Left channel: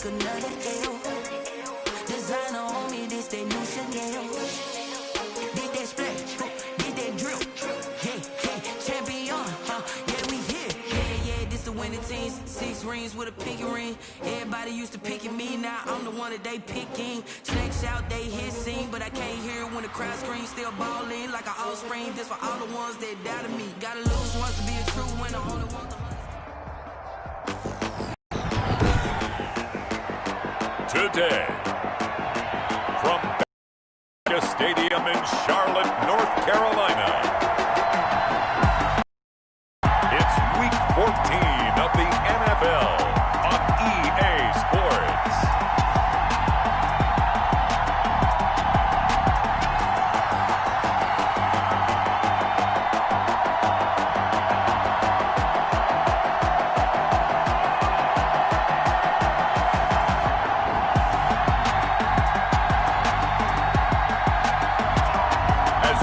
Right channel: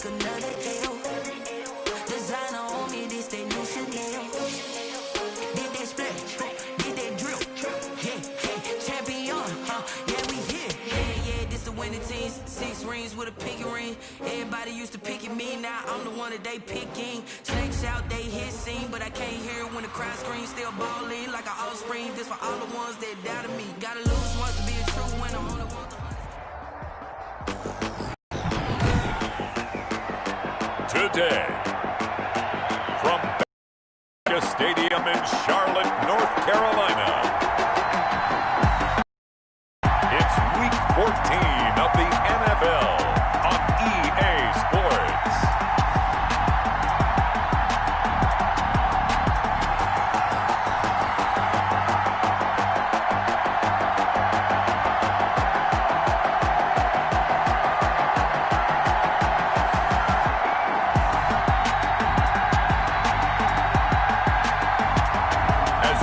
take another L. Designer on me, this that new Chanel. Did that splash, did that drill. Yeah, champion, yeah, we here. Yeah, this the winning team. 6 rings with a pinky ring. Everybody used to pick at me, now I'm the one that they picking. Snakes out, they hit scene, but I can't hear it when the crowd screams. Still balling like an offspring. This for all the ones that doubted me. Gotta lose once to be a true winner. Only one. Today, from Stadium in Charlotte, North Carolina, it's Week 14 of the NFL on EA Sports.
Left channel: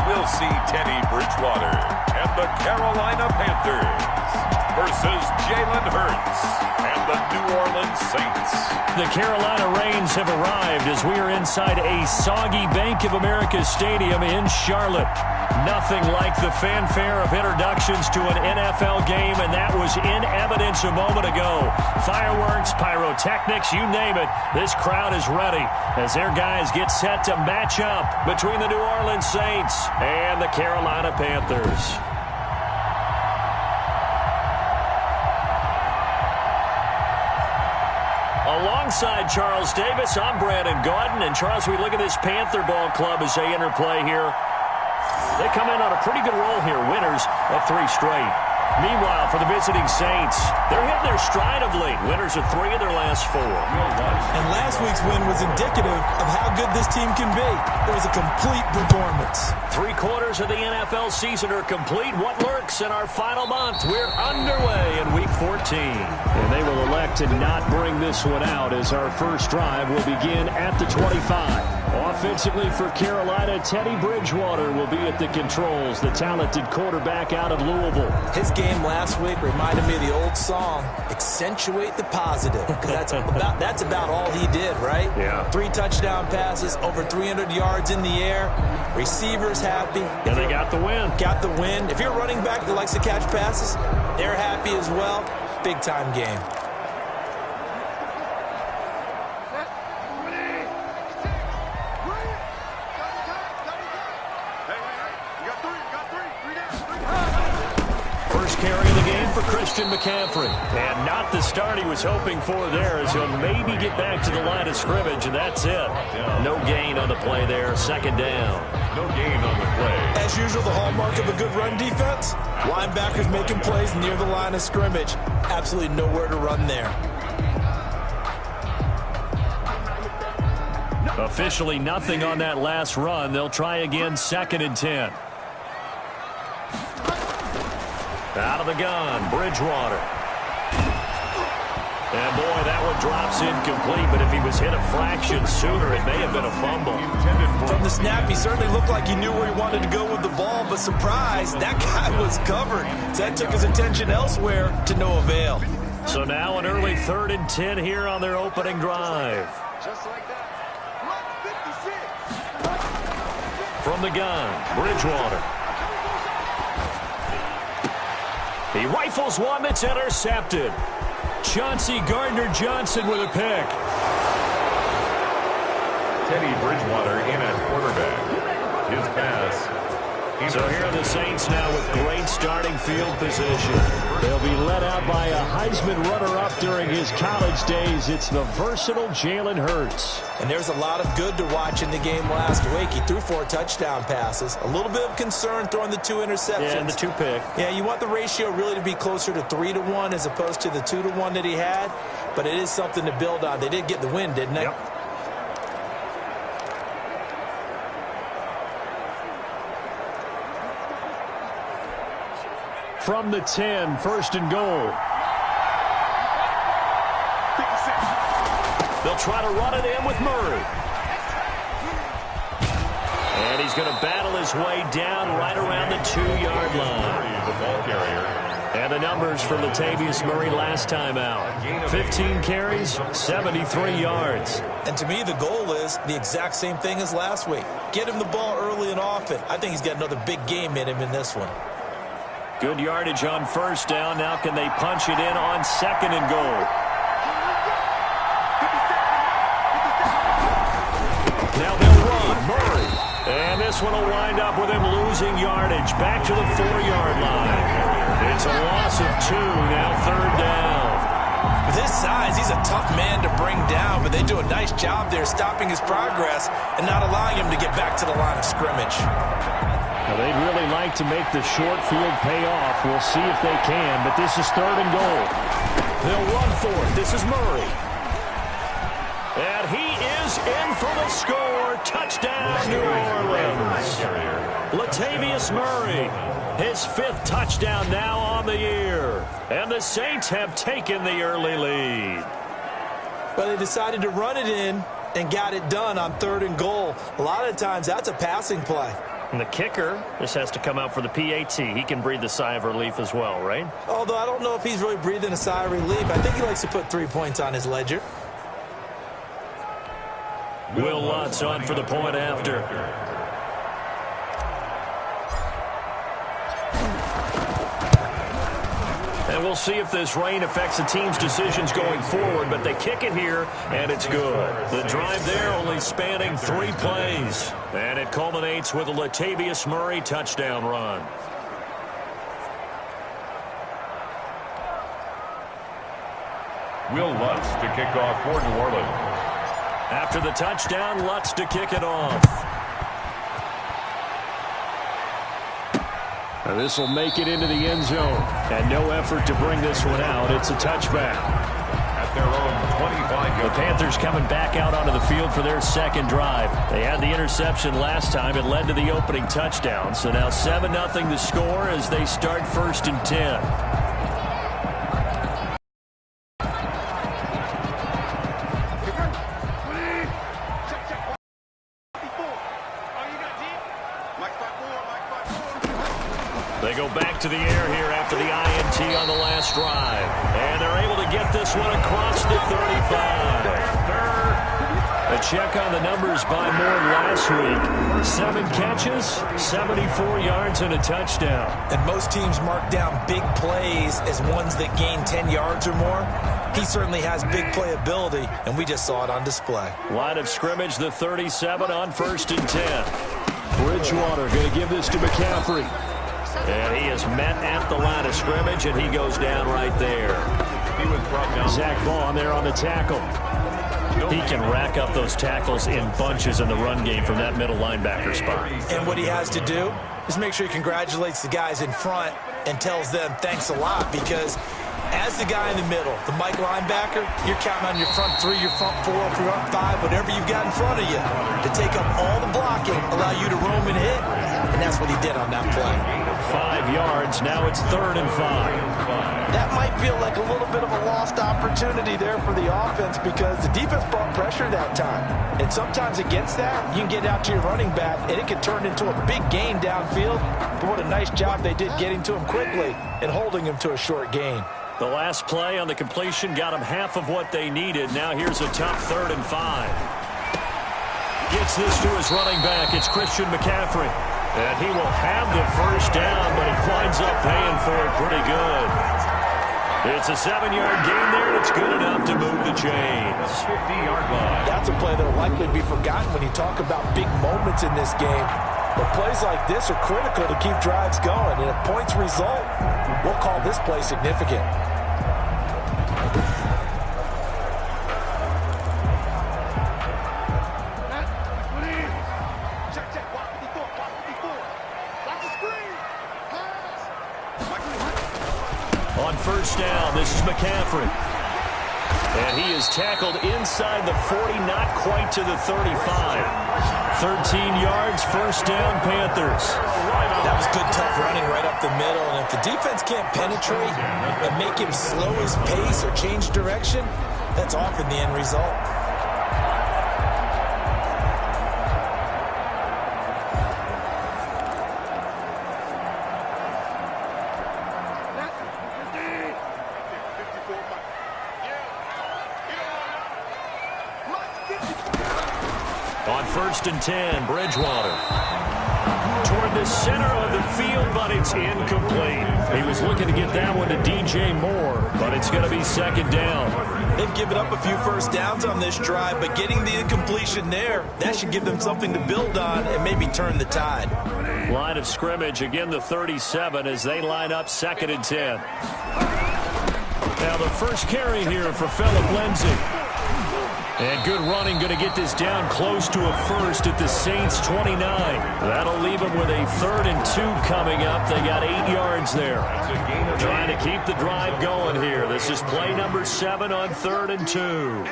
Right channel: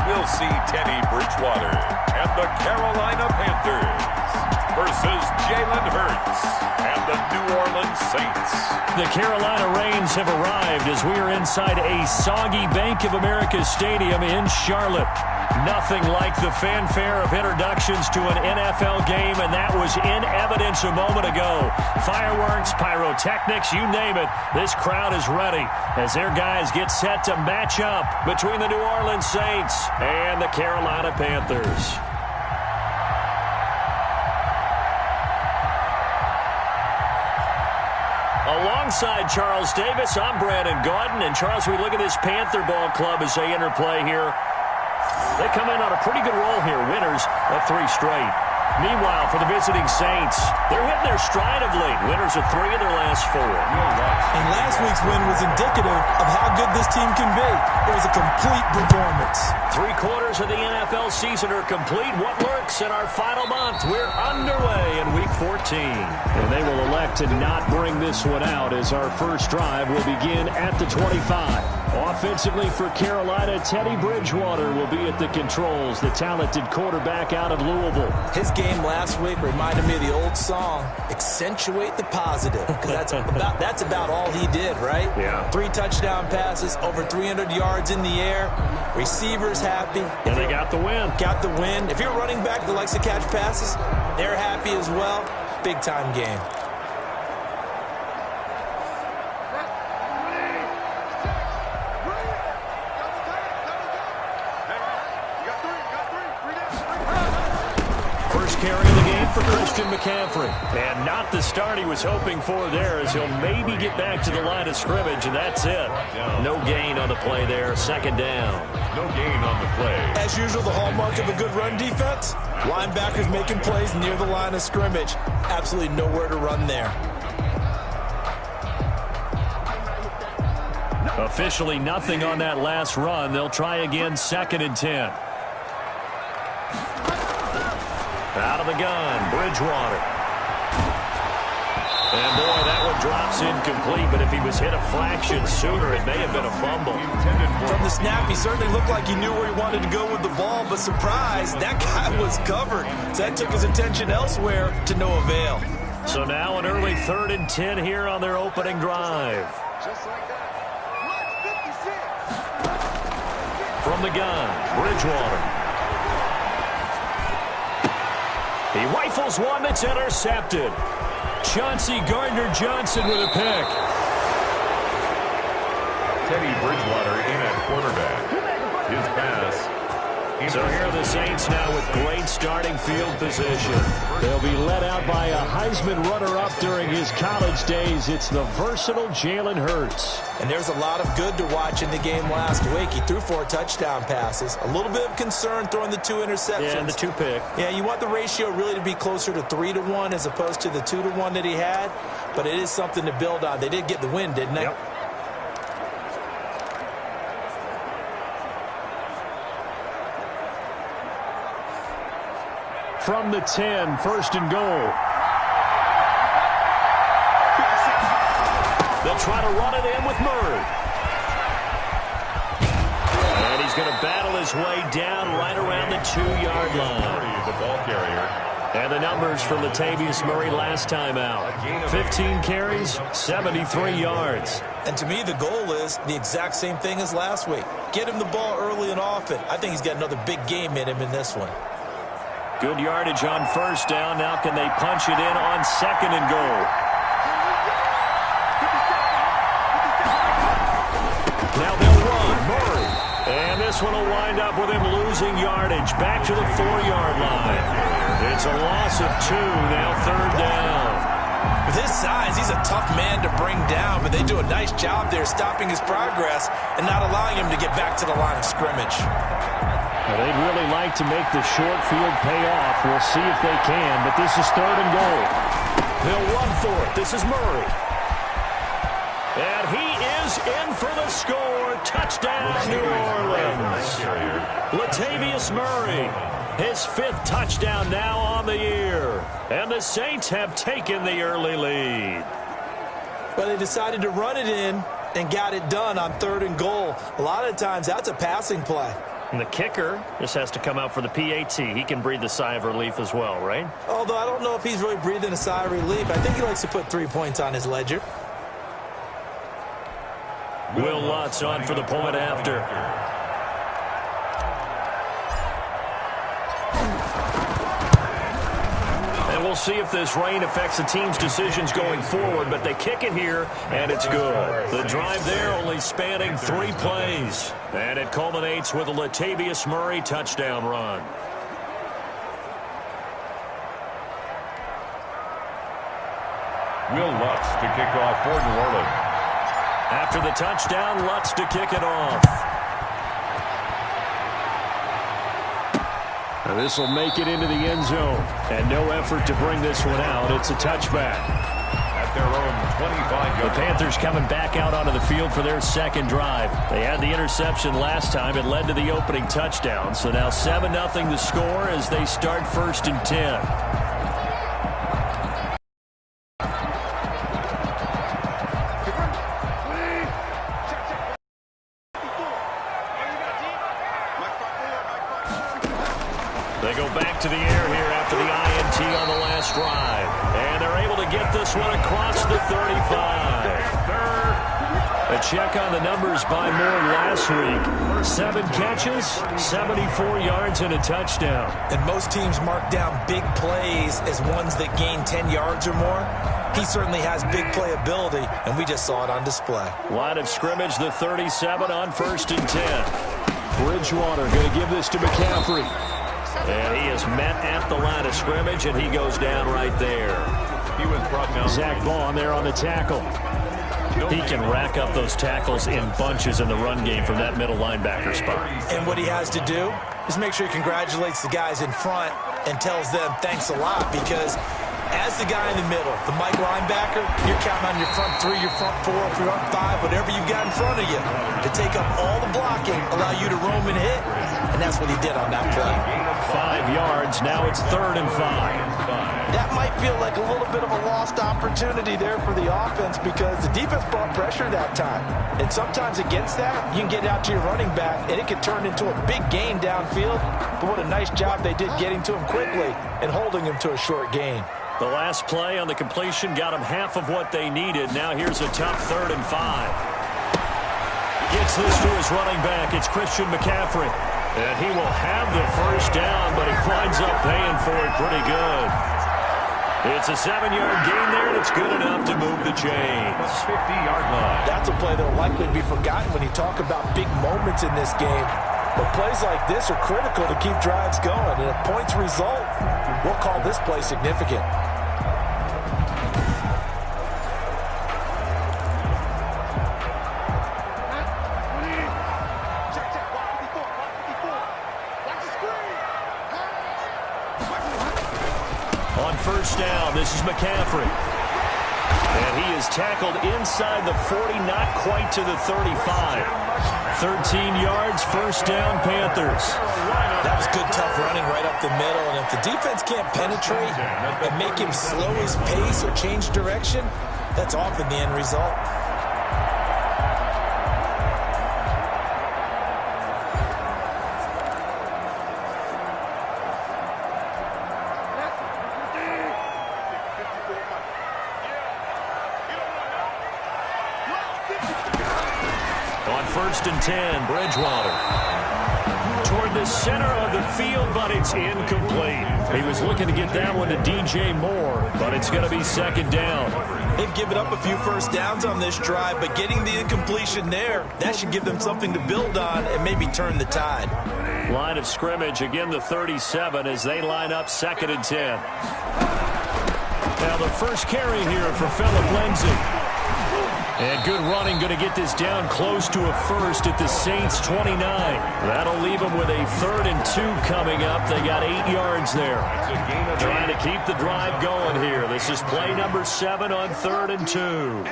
We'll see Teddy Bridgewater and the Carolina Panthers versus Jalen Hurts and the New Orleans Saints. The Carolina Rains have arrived as we are inside a soggy Bank of America Stadium in Charlotte. Nothing like the fanfare of introductions to an NFL game, and that was in evidence a moment ago. Fireworks, pyrotechnics, you name it. This crowd is ready as their guys get set to match up between the New Orleans Saints and the Carolina Panthers. Alongside Charles Davis, I'm Brandon Gordon. And Charles, we look at this Panther ball club as they interplay here. They come in on a pretty good roll here, winners of 3 straight. Meanwhile, for the visiting Saints, they're hitting their stride of late. Winners of 3 of their last 4. And last week's win was indicative of how good this team can be. It was a complete performance. 3/4 of the NFL season are complete. What lurks in our final month? We're underway in Week 14. And they will elect to not bring this one out as our first drive will begin at the 25. Offensively for Carolina, Teddy Bridgewater will be at the controls, the talented quarterback out of Louisville. His game last week reminded me of the old song, Accentuate the Positive, because that's about all he did, right? Yeah. 3 touchdown passes, over 300 yards in the air, receivers happy. And they got the win. Got the win. If you're a running back that likes to catch passes, they're happy as well. Big-time game. Carry the game for Christian McCaffrey. And not the start he was hoping for there, as he'll maybe get back to the line of scrimmage, and that's it. No gain on the play there. 2nd down. No gain on the play. As usual, the hallmark of a good run defense, linebackers making plays near the line of scrimmage. Absolutely nowhere to run there. Officially nothing on that last run. They'll try again, 2nd and 10. Out of the gun, Bridgewater. And boy, that one drops incomplete, but if he was hit a fraction sooner, it may have been a fumble. From the snap, he certainly looked like he knew where he wanted to go with the ball, but surprise, that guy was covered. So that took his attention elsewhere to no avail. So now an early 3rd and 10 here on their opening drive. Just like that. 56. From the gun, Bridgewater. He rifles one that's intercepted. Chauncey Gardner-Johnson with a pick. Teddy Bridgewater in at quarterback. His pass. So here are the Saints now with great starting field position. They'll be led out by a Heisman runner-up during his college days. It's the versatile Jalen Hurts. And there's a lot of good to watch in the game last week. He threw 4 touchdown passes. A little bit of concern throwing the 2 interceptions. Yeah, and the 2 pick. Yeah, you want the ratio really to be closer to 3-1 as opposed to the 2-1 that he had. But it is something to build on. They did get the win, didn't they? Yep. From the 10, 1st and goal. They'll try to run it in with Murray. And he's going to battle his way down right around the 2-yard line. Murray, the ball carrier. And the numbers for Latavius Murray last time out. 15 carries, 73 yards. And to me, the goal is the exact same thing as last week. Get him the ball early and often. I think he's got another big game in him in this one. Good yardage on first down. Now can they punch it in on second and goal? Now they'll run. Murray. And this one will wind up with him losing yardage. Back to the 4-yard line. It's a loss of 2. Now third down. With his size, he's a tough man to bring down, but they do a nice job there stopping his progress and not allowing him to get back to the line of scrimmage. Now they'd really like to make the short field pay off. We'll see if they can, but this is third and goal. They'll run for it. This is Murray. And he is in for the score. Touchdown, New Orleans. Latavius Murray, his 5th touchdown now on the year. And the Saints have taken the early lead. Well, they decided to run it in and got it done on third and goal. A lot of times, that's a passing play. And the kicker just has to come out for the PAT. He can breathe a sigh of relief as well, right? Although I don't know if he's really breathing a sigh of relief. I think he likes to put 3 points on his ledger. Will Lutz on for the point after. And we'll see if this rain affects the team's decisions going forward, but they kick it here, and it's good. The drive there only spanning 3 plays. And it culminates with a Latavius Murray touchdown run. Will Lutz to kick off for New Orleans. After the touchdown, Lutz to kick it off. Now this will make it into the end zone. And no effort to bring this one out. It's a touchback. At their own 25-yard. The Panthers coming back out onto the field for their second drive. They had the interception last time. It led to the opening touchdown. So now 7-0 the score as they start 1st and 10. They go back to the air here after the INT on the last drive. And they're able to get this one across the 35. A check on the numbers by Moore last week. 7 catches, 74 yards, and a touchdown. And most teams mark down big plays as ones that gain 10 yards or more. He certainly has big playability, and we just saw it on display. Line of scrimmage, the 37 on 1st and 10. Bridgewater going to give this to McCaffrey. And he is met at the line of scrimmage, and he goes down right there. He was brought down. Zach Baugh there on the tackle. He can rack up those tackles in bunches in the run game from that middle linebacker spot. And what he has to do is make sure he congratulates the guys in front and tells them thanks a lot, because as the guy in the middle, the Mike linebacker, you're counting on your front 3, your front 4, your front 5, whatever you've got in front of you to take up all the blocking, allow you to roam and hit, and that's what he did on that play. 5 yards, now it's 3rd and 5. That might feel like a little bit of a lost opportunity there for the offense, because the defense brought pressure that time. And sometimes against that, you can get out to your running back, and it can turn into a big gain downfield. But what a nice job they did getting to him quickly and holding him to a short gain. The last play on the completion got them half of what they needed. Now here's a tough 3rd and 5. Gets this to his running back. It's Christian McCaffrey. And he will have the first down, but he winds up paying for it pretty good. It's a 7-yard gain there, and it's good enough to move the chains. 50-yard line. That's a play that will likely be forgotten when you talk about big moments in this game. But plays like this are critical to keep drives going. And if points result, we'll call this play significant. On first down, this is McCaffrey. And he is tackled inside the 40, not quite to the 35. 13 yards, first down, Panthers. That was good, tough running right up the middle. And if the defense can't penetrate and make him slow his pace or change direction, that's often the end result. On 1st and 10, Bridgewater. Toward the center of the field, but it's incomplete. He was looking to get that one to DJ Moore, but it's going to be 2nd down. They've given up a few first downs on this drive, but getting the incompletion there, that should give them something to build on and maybe turn the tide. Line of scrimmage, again the 37 as they line up 2nd and 10. Now the first carry here for Phillip Lindsay. And good running, going to get this down close to a first at the Saints 29. That'll leave them with a 3rd and 2 coming up. They got 8 yards there. Trying to keep the drive going here. This is play number 7 on 3rd and 2.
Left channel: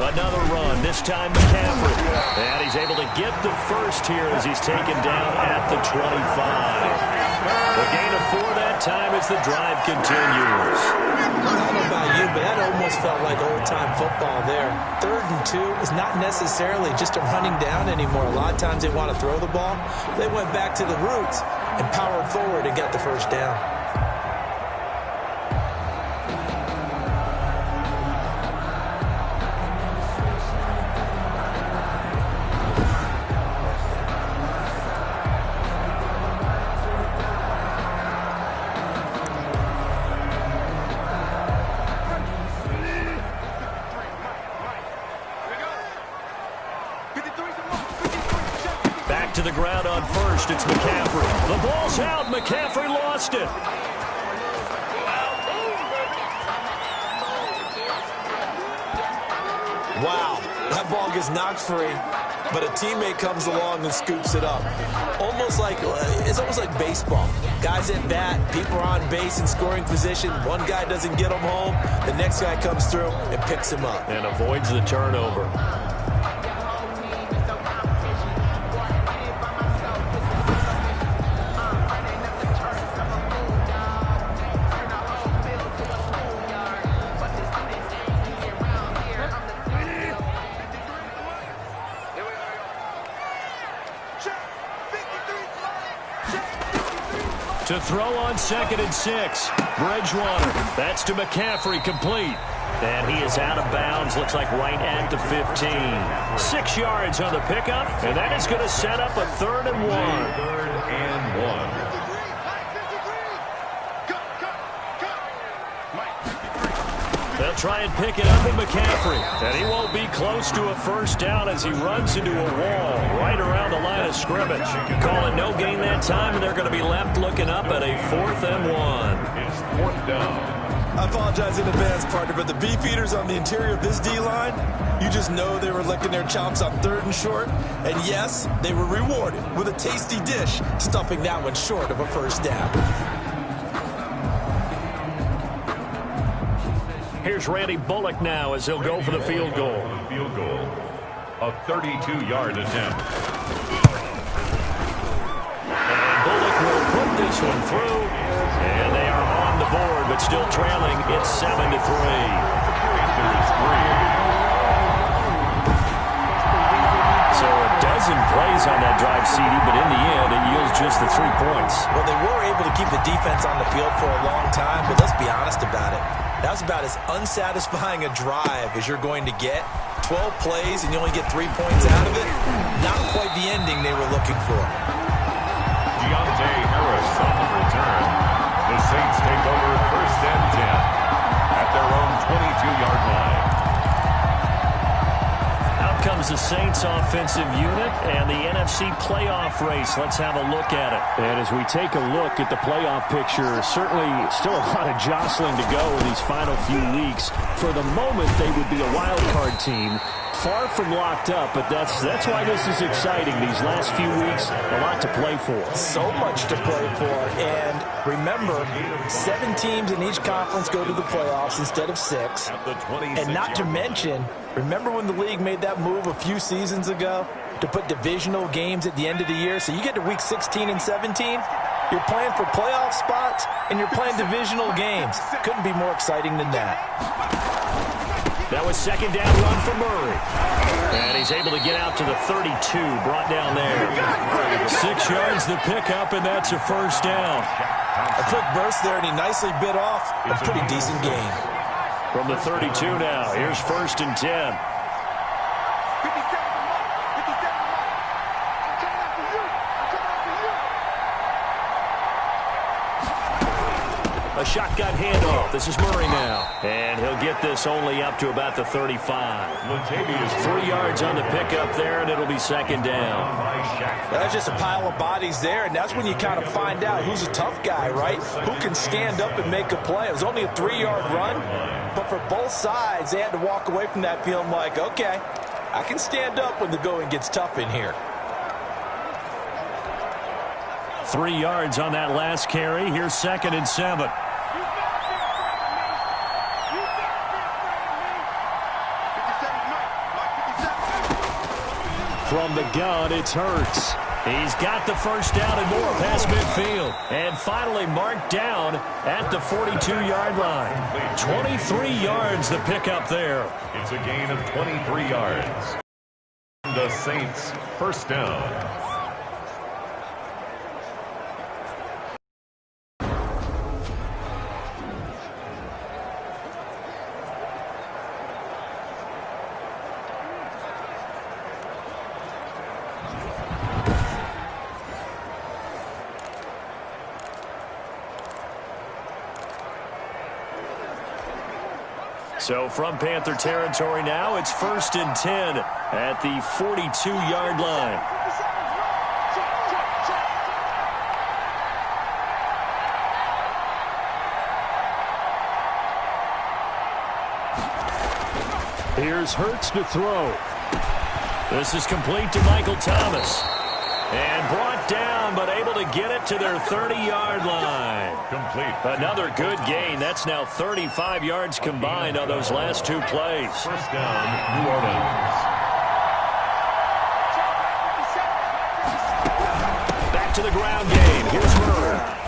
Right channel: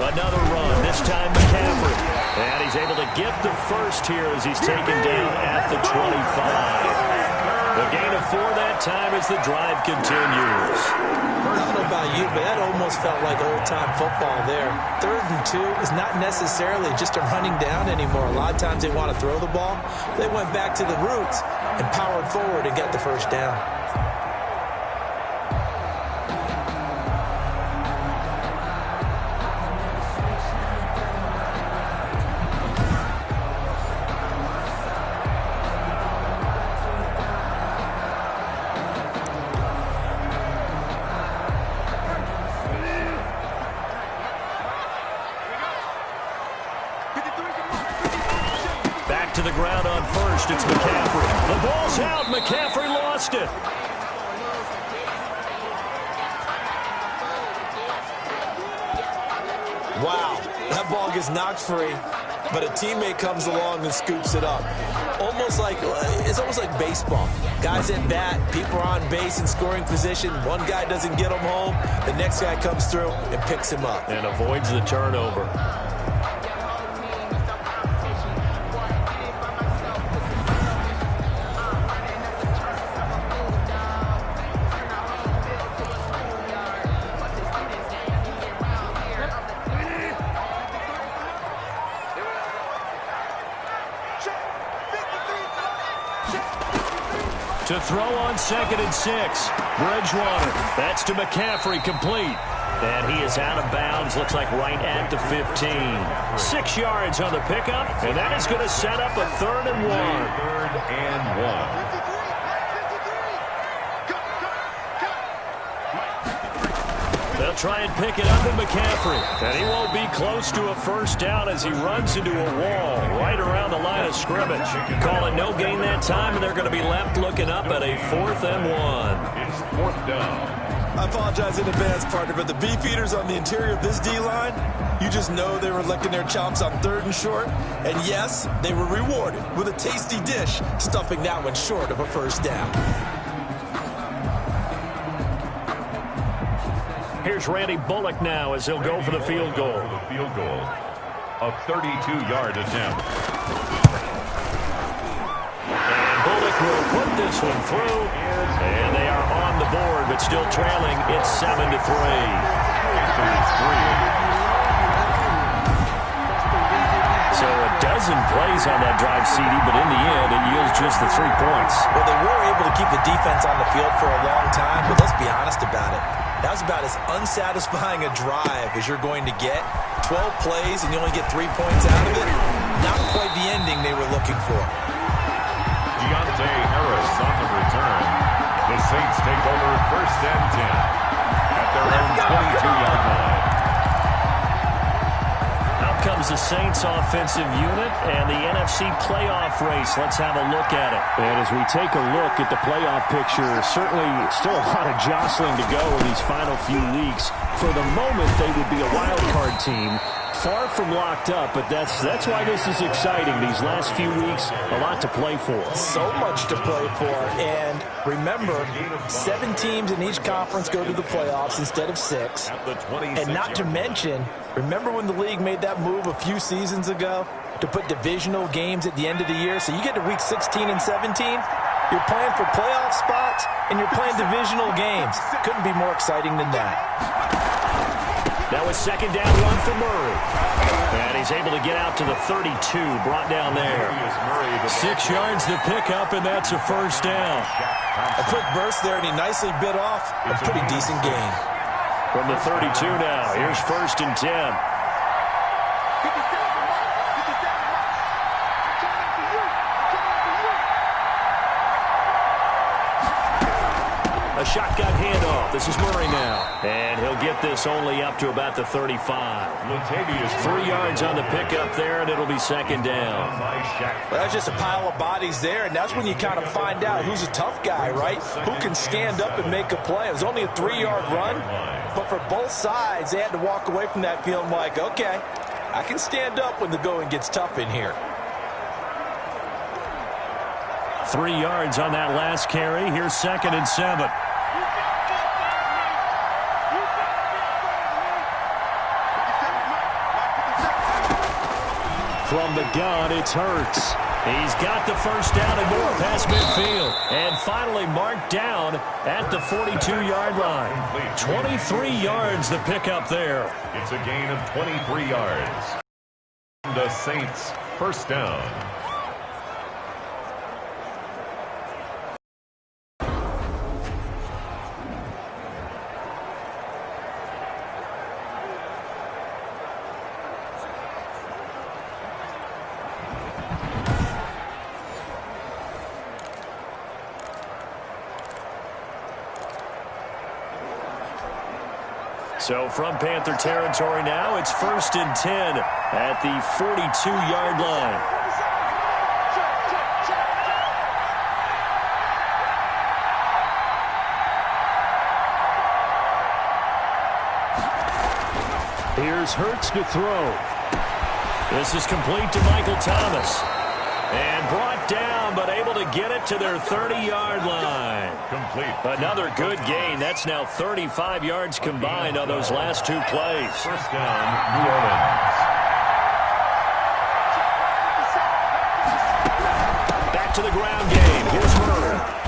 Another run, this time McCaffrey. And he's able to get the first here as he's taken down at the 25. The gain of 4 that time as the drive continues. I don't know about you, but that almost felt like old-time football there. 3rd and 2 is not necessarily just a running down anymore. A lot of times they want to throw the ball. They went back to the roots and powered forward and got the first down. Back to the ground on 1st. It's McCaffrey. The ball's out. McCaffrey lost it. Wow, that ball gets knocked free, but a teammate comes along and scoops it up. It's almost like baseball. Guys at bat, people are on base in scoring position. One guy doesn't get him home. The next guy comes through and picks him up. And avoids the turnover. To throw on 2nd and 6. Bridgewater. That's to McCaffrey, complete. And he is out of bounds, looks like right at the 15. 6 yards on the pickup, and that is going to set up a 3rd and 1. 3rd and 1. They'll try and pick it up with McCaffrey. And he won't be close to a first down as he runs into a wall right around the line of scrimmage. Calling no gain that time, and they're going to be left looking up at a 4th and 1. It's 4th down. I apologize in advance, partner, but the beef eaters on the interior of this D-line, you just know they were licking their chops on 3rd and short. And yes, they were rewarded with a tasty dish, stuffing that one short of a first down. Here's Randy Bullock now as he'll go for the field goal. A 32-yard attempt. And Bullock will put this one through. And they are on the board, but still trailing. It's 7-3. Panthers 3. So a dozen plays on that drive, CD, but in the end, it yields just the 3 points. Well, they were able to keep the defense on the field for a long time, but let's be honest about it. That was about as unsatisfying a drive as you're going to get. 12 plays and you only get 3 points out of it. Not quite the ending they were looking for. Deontay Harris on the return. The Saints take over 1st and 10 at their own 22-yard line. Out comes the Saints offensive unit and the NFC playoff race. Let's have a look at it. And as we take a look at the playoff picture, certainly still a lot of jostling to go in these final few weeks. For the moment, they would be a wild card team. Far from locked up, but that's why this is exciting. These last few weeks, a lot to play for. So much to play for. And remember, 7 teams in each conference go to the playoffs instead of 6. And not to mention, remember when the league made that move a few seasons ago to put divisional games at the end of the year? So you get to week 16 and 17, you're playing for playoff spots, and you're playing divisional games. Couldn't be more exciting than that. That was 2nd down run for Murray. And he's able to get out to the 32, brought down there. 6 yards the pickup, and that's a first down. A quick burst there, and he nicely bit off a pretty decent gain. From the 32 now, here's 1st and 10. A shotgun handoff. This is Murray now. And he'll get this only up to about the 35. 3 yards on the pickup there, and it'll be second down. Well, that's just a pile of bodies there, and that's when you kind of find out who's a tough guy, right? Who can stand up and make a play. It was only a 3-yard run, but for both sides, they had to walk away from that feeling like, okay, I can stand up when the going gets tough in here. 3 yards on that last carry. Here's 2nd and 7. From the gun, it's Hurts. He's got the first down and more past midfield. And finally marked down at the 42-yard line. 23 yards the pickup there. It's a gain of 23 yards. The Saints, first down. So from Panther territory now, it's 1st and 10 at the 42-yard line. Here's Hurts to throw. This is complete to Michael Thomas. And brought down, but able to get it to their 30-yard line. Complete. Another good gain. That's now 35 yards combined on those last 2 plays. First down, New Orleans. Back to the ground game. Here's Murray.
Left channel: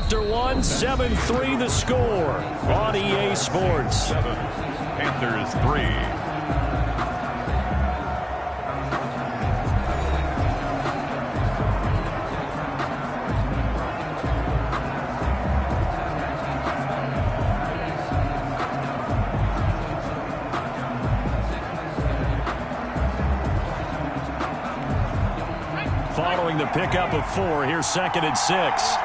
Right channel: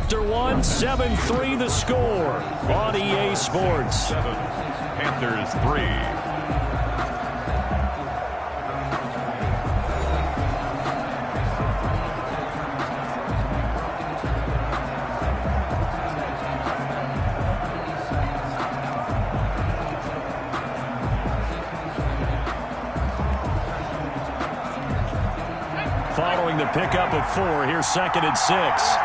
after one. 7-3 the score on EA Sports. 7, Panthers 3. Following the pickup of 4, here's 2nd and 6.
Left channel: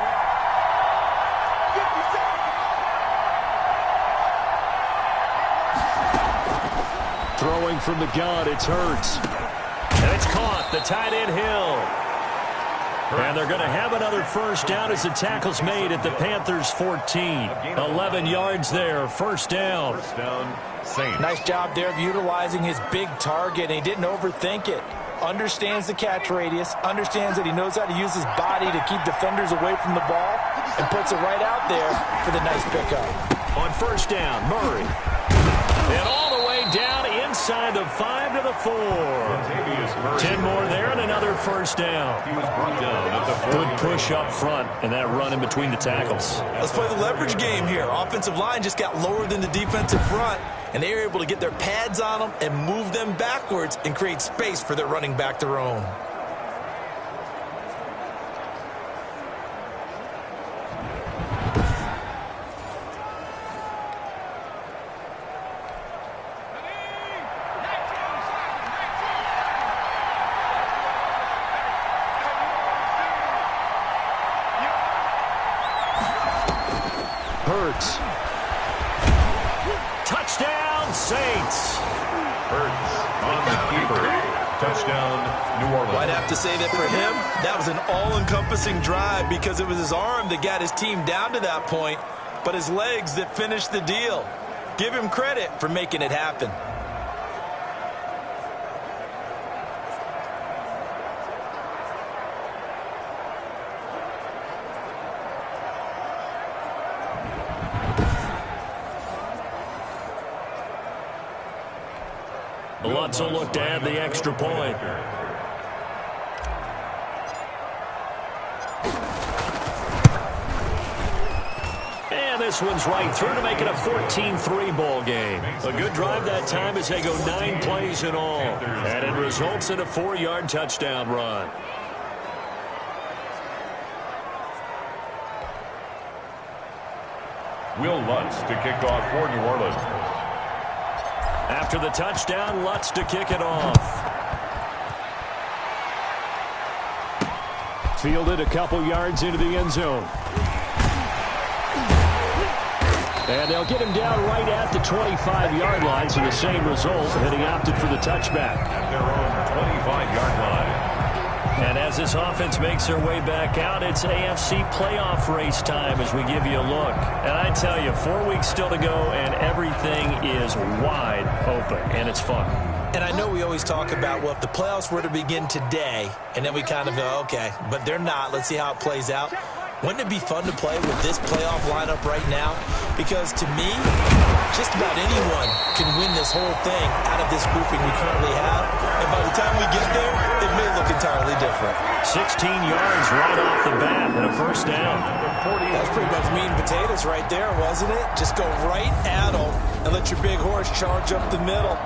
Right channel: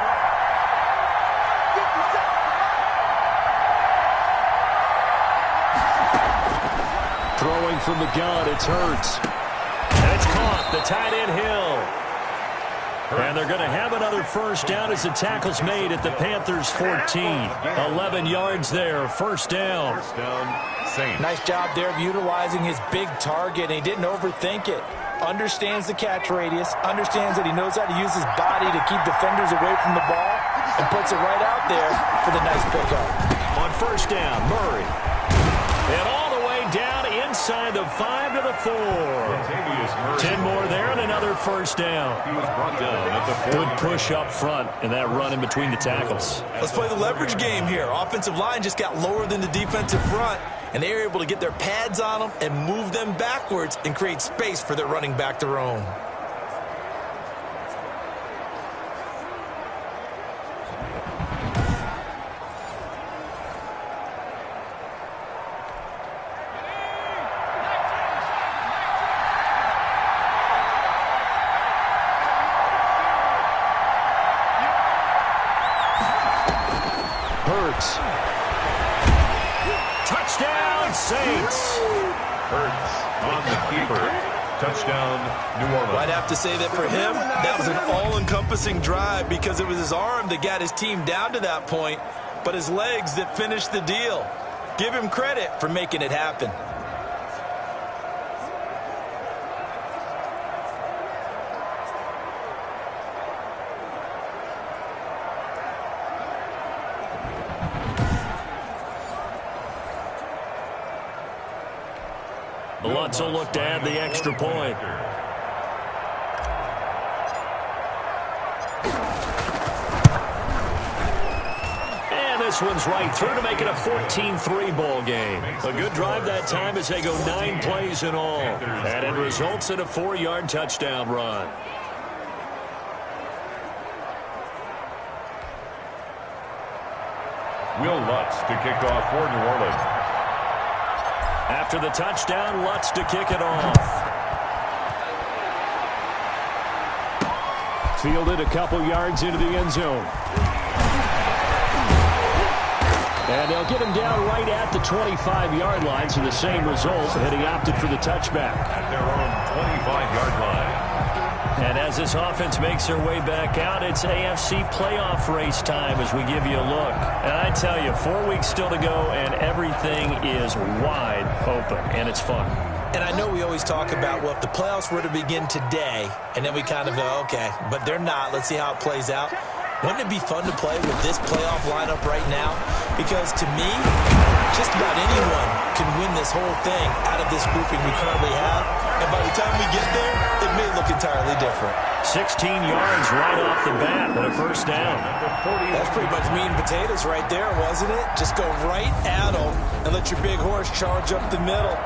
Throwing from the gun, it's Hurts. And it's caught, the tight end Hill. And they're going to have another first down as the tackle's made at the Panthers' 14. 11 yards there, first down. First down, Saints. Nice job there of utilizing his big target, and he didn't overthink it. Understands the catch radius, understands that he knows how to use his body to keep defenders away from the ball, and puts it right out there for the nice pickup. On first down, Murray. And all the way down inside the 5 to the 4. 10 more there and another first down. He was brought down at the 40. Good push up front and that run in between the tackles. Let's play the leverage game here. Offensive line just got lower than the defensive front, and they were able to get their pads on them and move them backwards and create space for their running back to roam. Hurts. Touchdown, Saints. Hurts on the keeper. Touchdown, New Orleans. Well, I'd have to say that for him, that was an all-encompassing drive because it was his arm that got his team down to that point, but his legs that finished the deal. Give him credit for making it happen. Lutz will look to add the extra point. And this one's right through to make it a 14-3 ball game. A good drive that time as they go 9 plays in all. And it results in a 4-yard touchdown run. Will Lutz to kick off for New Orleans. After the touchdown, Lutz to kick it off. Fielded a couple yards into the end zone. And they'll get him down right at the 25-yard line, so the same result, had he opted for the touchback. At their own 25-yard line. And as this offense makes their way back out, it's AFC playoff race time as we give you a look. And I tell you, 4 weeks still to go, and everything is wide open, and it's fun. And I know we always talk about, well, if the playoffs were to begin today, and then we kind of go, okay, but they're not. Let's see how it plays out. Wouldn't it be fun to play with this playoff lineup right now? Because to me, just about anyone can win this whole thing out of this grouping we currently have. And by the time we get there, it may look entirely different. 16 yards right off the bat and a first down. That's pretty much meat and potatoes right there, wasn't it? Just go right at them and let your big horse charge up the middle.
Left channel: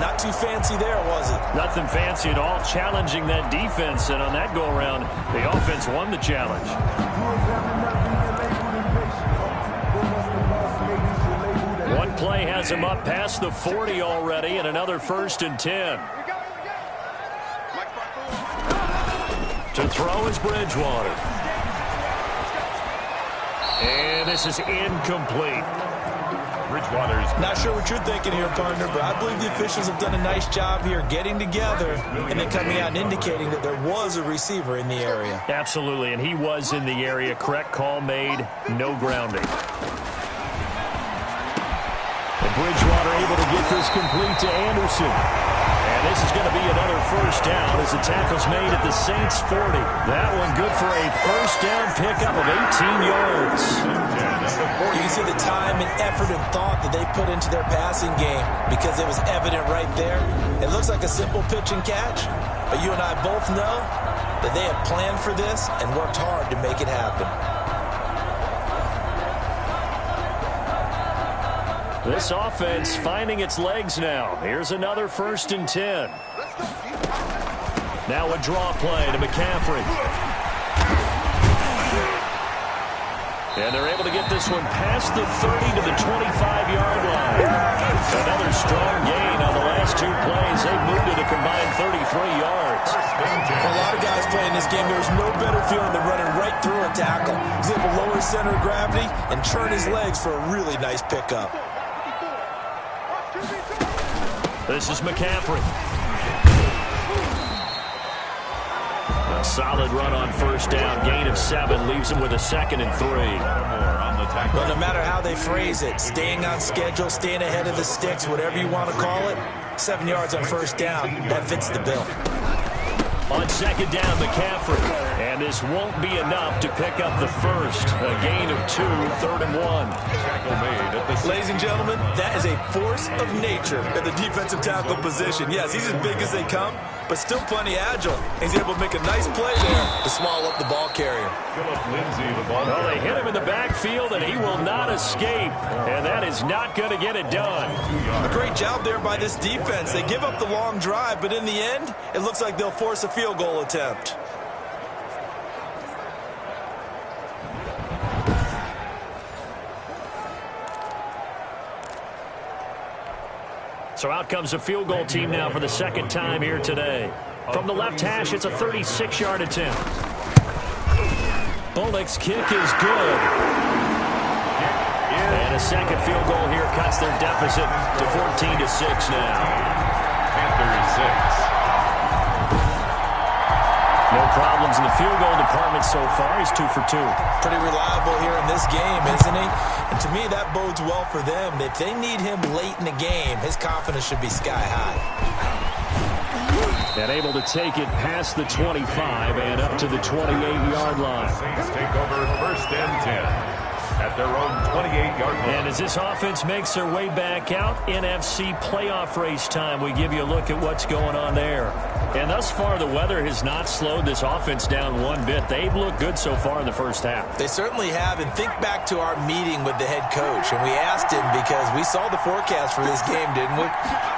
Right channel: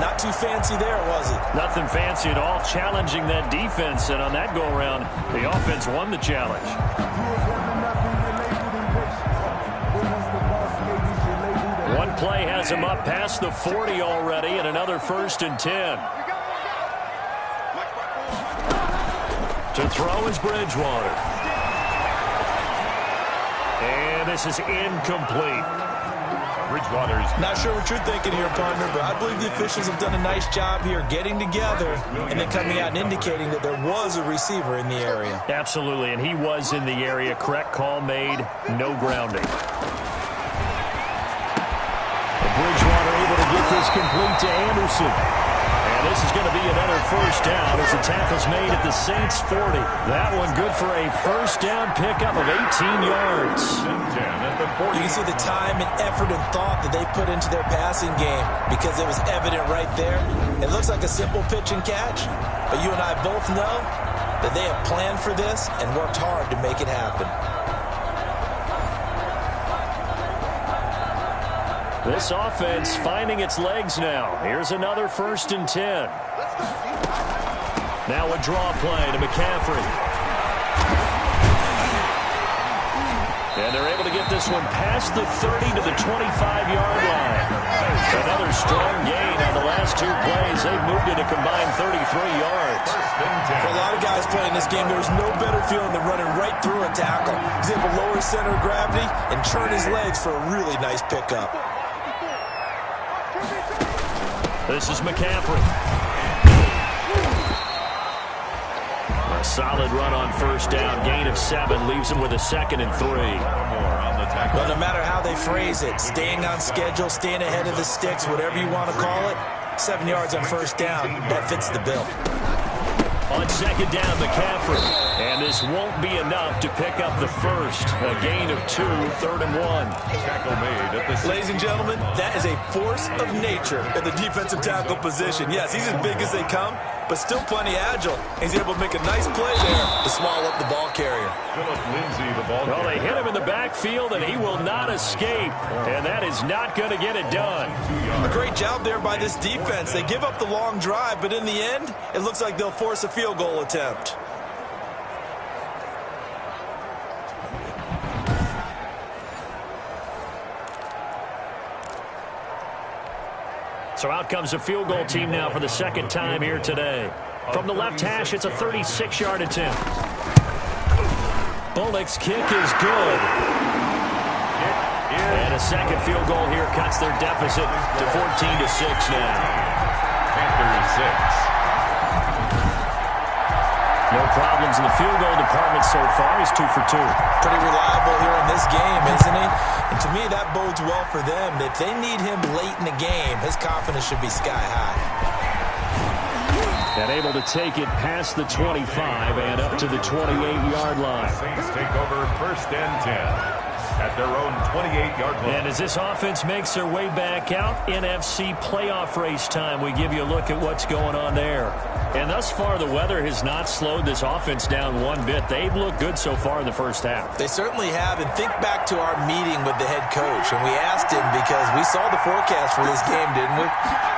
Not too fancy there, was it? Nothing fancy at all, challenging that defense. And on that go-around, the offense won the challenge. One play has him up past the 40 already, and another 1st and 10. To throw is Bridgewater. And this is incomplete. Bridgewater's not sure what you're thinking here, partner, but I believe the officials have done a nice job here getting together and then coming out and indicating that there was a receiver in the area. Absolutely, and he was in the area. Correct call made, no grounding. And Bridgewater able to get this complete to Anderson. And this is going to be another first down as the tackle's made at the Saints 40. That one good for a first down pickup of 18 yards. You can see the time and effort and thought that they put into their passing game because it was evident right there. It looks like a simple pitch and catch, but you and I both know that they have planned for this and worked hard to make it happen. This offense finding its legs now. Here's another 1st and 10. Now a draw play to McCaffrey. And they're able to get this one past the 30 to the 25-yard line. Another strong gain on the last 2 plays. They've moved it a combined 33 yards. For a lot of guys playing this game, there's no better feeling than running right through a tackle. He's able to lower his center of gravity and turn his legs for a really nice pickup. This is McCaffrey. A solid run on 1st down. Gain of 7 leaves him with a 2nd and 3. Well, no matter how they phrase it, staying on schedule, staying ahead of the sticks, whatever you want to call it, 7 yards on 1st down, that fits the bill. On 2nd down, McCaffrey. And this won't be enough to pick up the 1st. A gain of 2, 3rd and 1. Tackle made at the Ladies and gentlemen, that is a force of nature at the defensive tackle position. Yes, he's as big as they come, but still plenty agile. He's able to make a nice play there to swallow up the ball carrier. Philip Lindsay, the ball Well, carrier. they hit him in the backfield, and he will not escape. And that is not going to get it done. A great job there by this defense. They give up the long drive, but in the end, it looks like they'll force a field goal attempt. So out comes the field goal team now for the 2nd time here today. From the left hash, it's a 36-yard attempt. Bullock's kick is good. And a 2nd field goal here cuts their deficit to 14-6 now. Panthers 6. No problems in the field goal department so far. He's 2 for 2. Pretty reliable here in this game, isn't he? And to me, that bodes well for them. If they need him late in the game, his confidence should be sky high. And able to take it past the 25 and up to the 28-yard line. Saints take over 1st and 10 at their own 28-yard line. And as this offense makes their way back out, NFC playoff race time, we give you a look at what's going on there. And thus far, the weather has not slowed this offense down one bit. They've looked good so far in the 1st half. They certainly have. And think back to our meeting with the head coach. And we asked him, because we saw the forecast for this game, didn't we?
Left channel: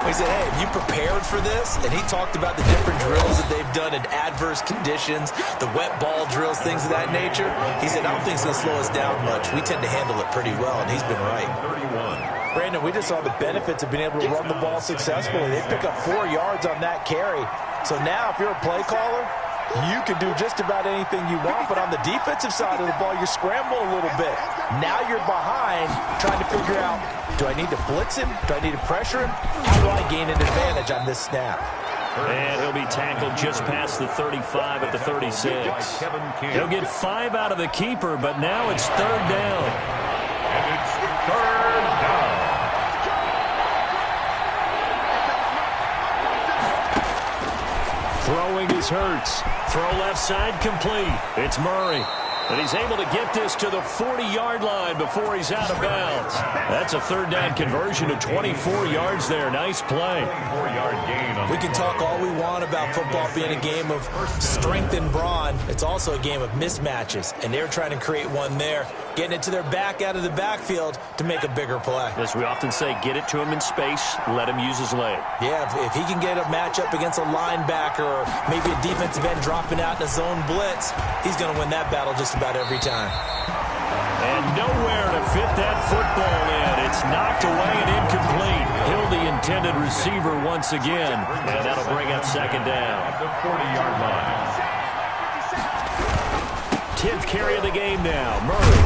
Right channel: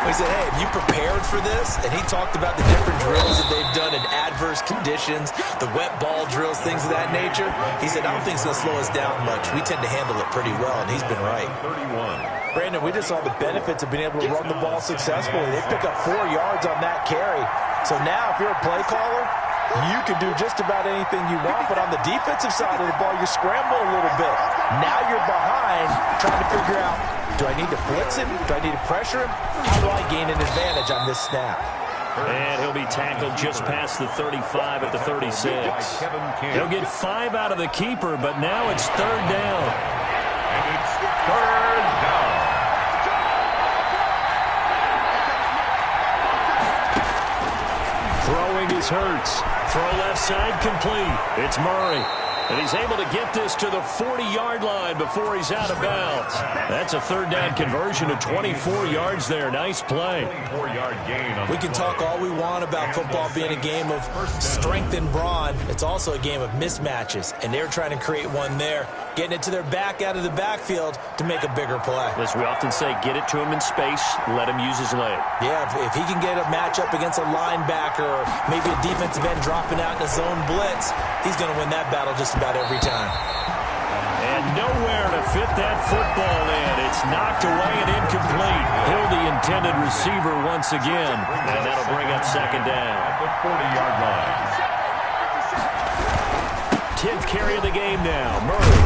We said, hey, have you prepared for this? And he talked about the different drills that they've done in adverse conditions, the wet ball drills, things of that nature. He said, I don't think it's going to slow us down much. We tend to handle it pretty well, and he's been right. 31. Brandon, we just saw the benefits of being able to run the ball successfully. They pick up 4 yards on that carry. So now, if you're a play caller, you can do just about anything you want. But on the defensive side of the ball, you scramble a little bit. Now you're behind, trying to figure out, do I need to blitz him? Do I need to pressure him? How do I gain an advantage on this snap? And he'll be tackled just past the 35 at the 36. He'll get 5 out of the keeper, but now it's 3rd down. And it's 3rd down. Throwing is Hurts. Throw left side complete. It's Murray. And he's able to get this to the 40-yard line before he's out of bounds. That's a 3rd down conversion of 24 yards there. Nice play. 4-yard gain on We can talk all we want about football being a game of strength and brawn. It's also a game of mismatches, and they're trying to create one there, getting it to their back out of the backfield to make a bigger play. As we often say, get it to him in space, let him use his leg. Yeah, if he can get a matchup against a linebacker or maybe a defensive end dropping out in a zone blitz, he's going to win that battle just about every time. And nowhere to fit that football in. It's knocked away and incomplete. Hill, the intended receiver once again. And that'll bring up 2nd down. at the 40-yard line. 10th carry of the game now. Murray.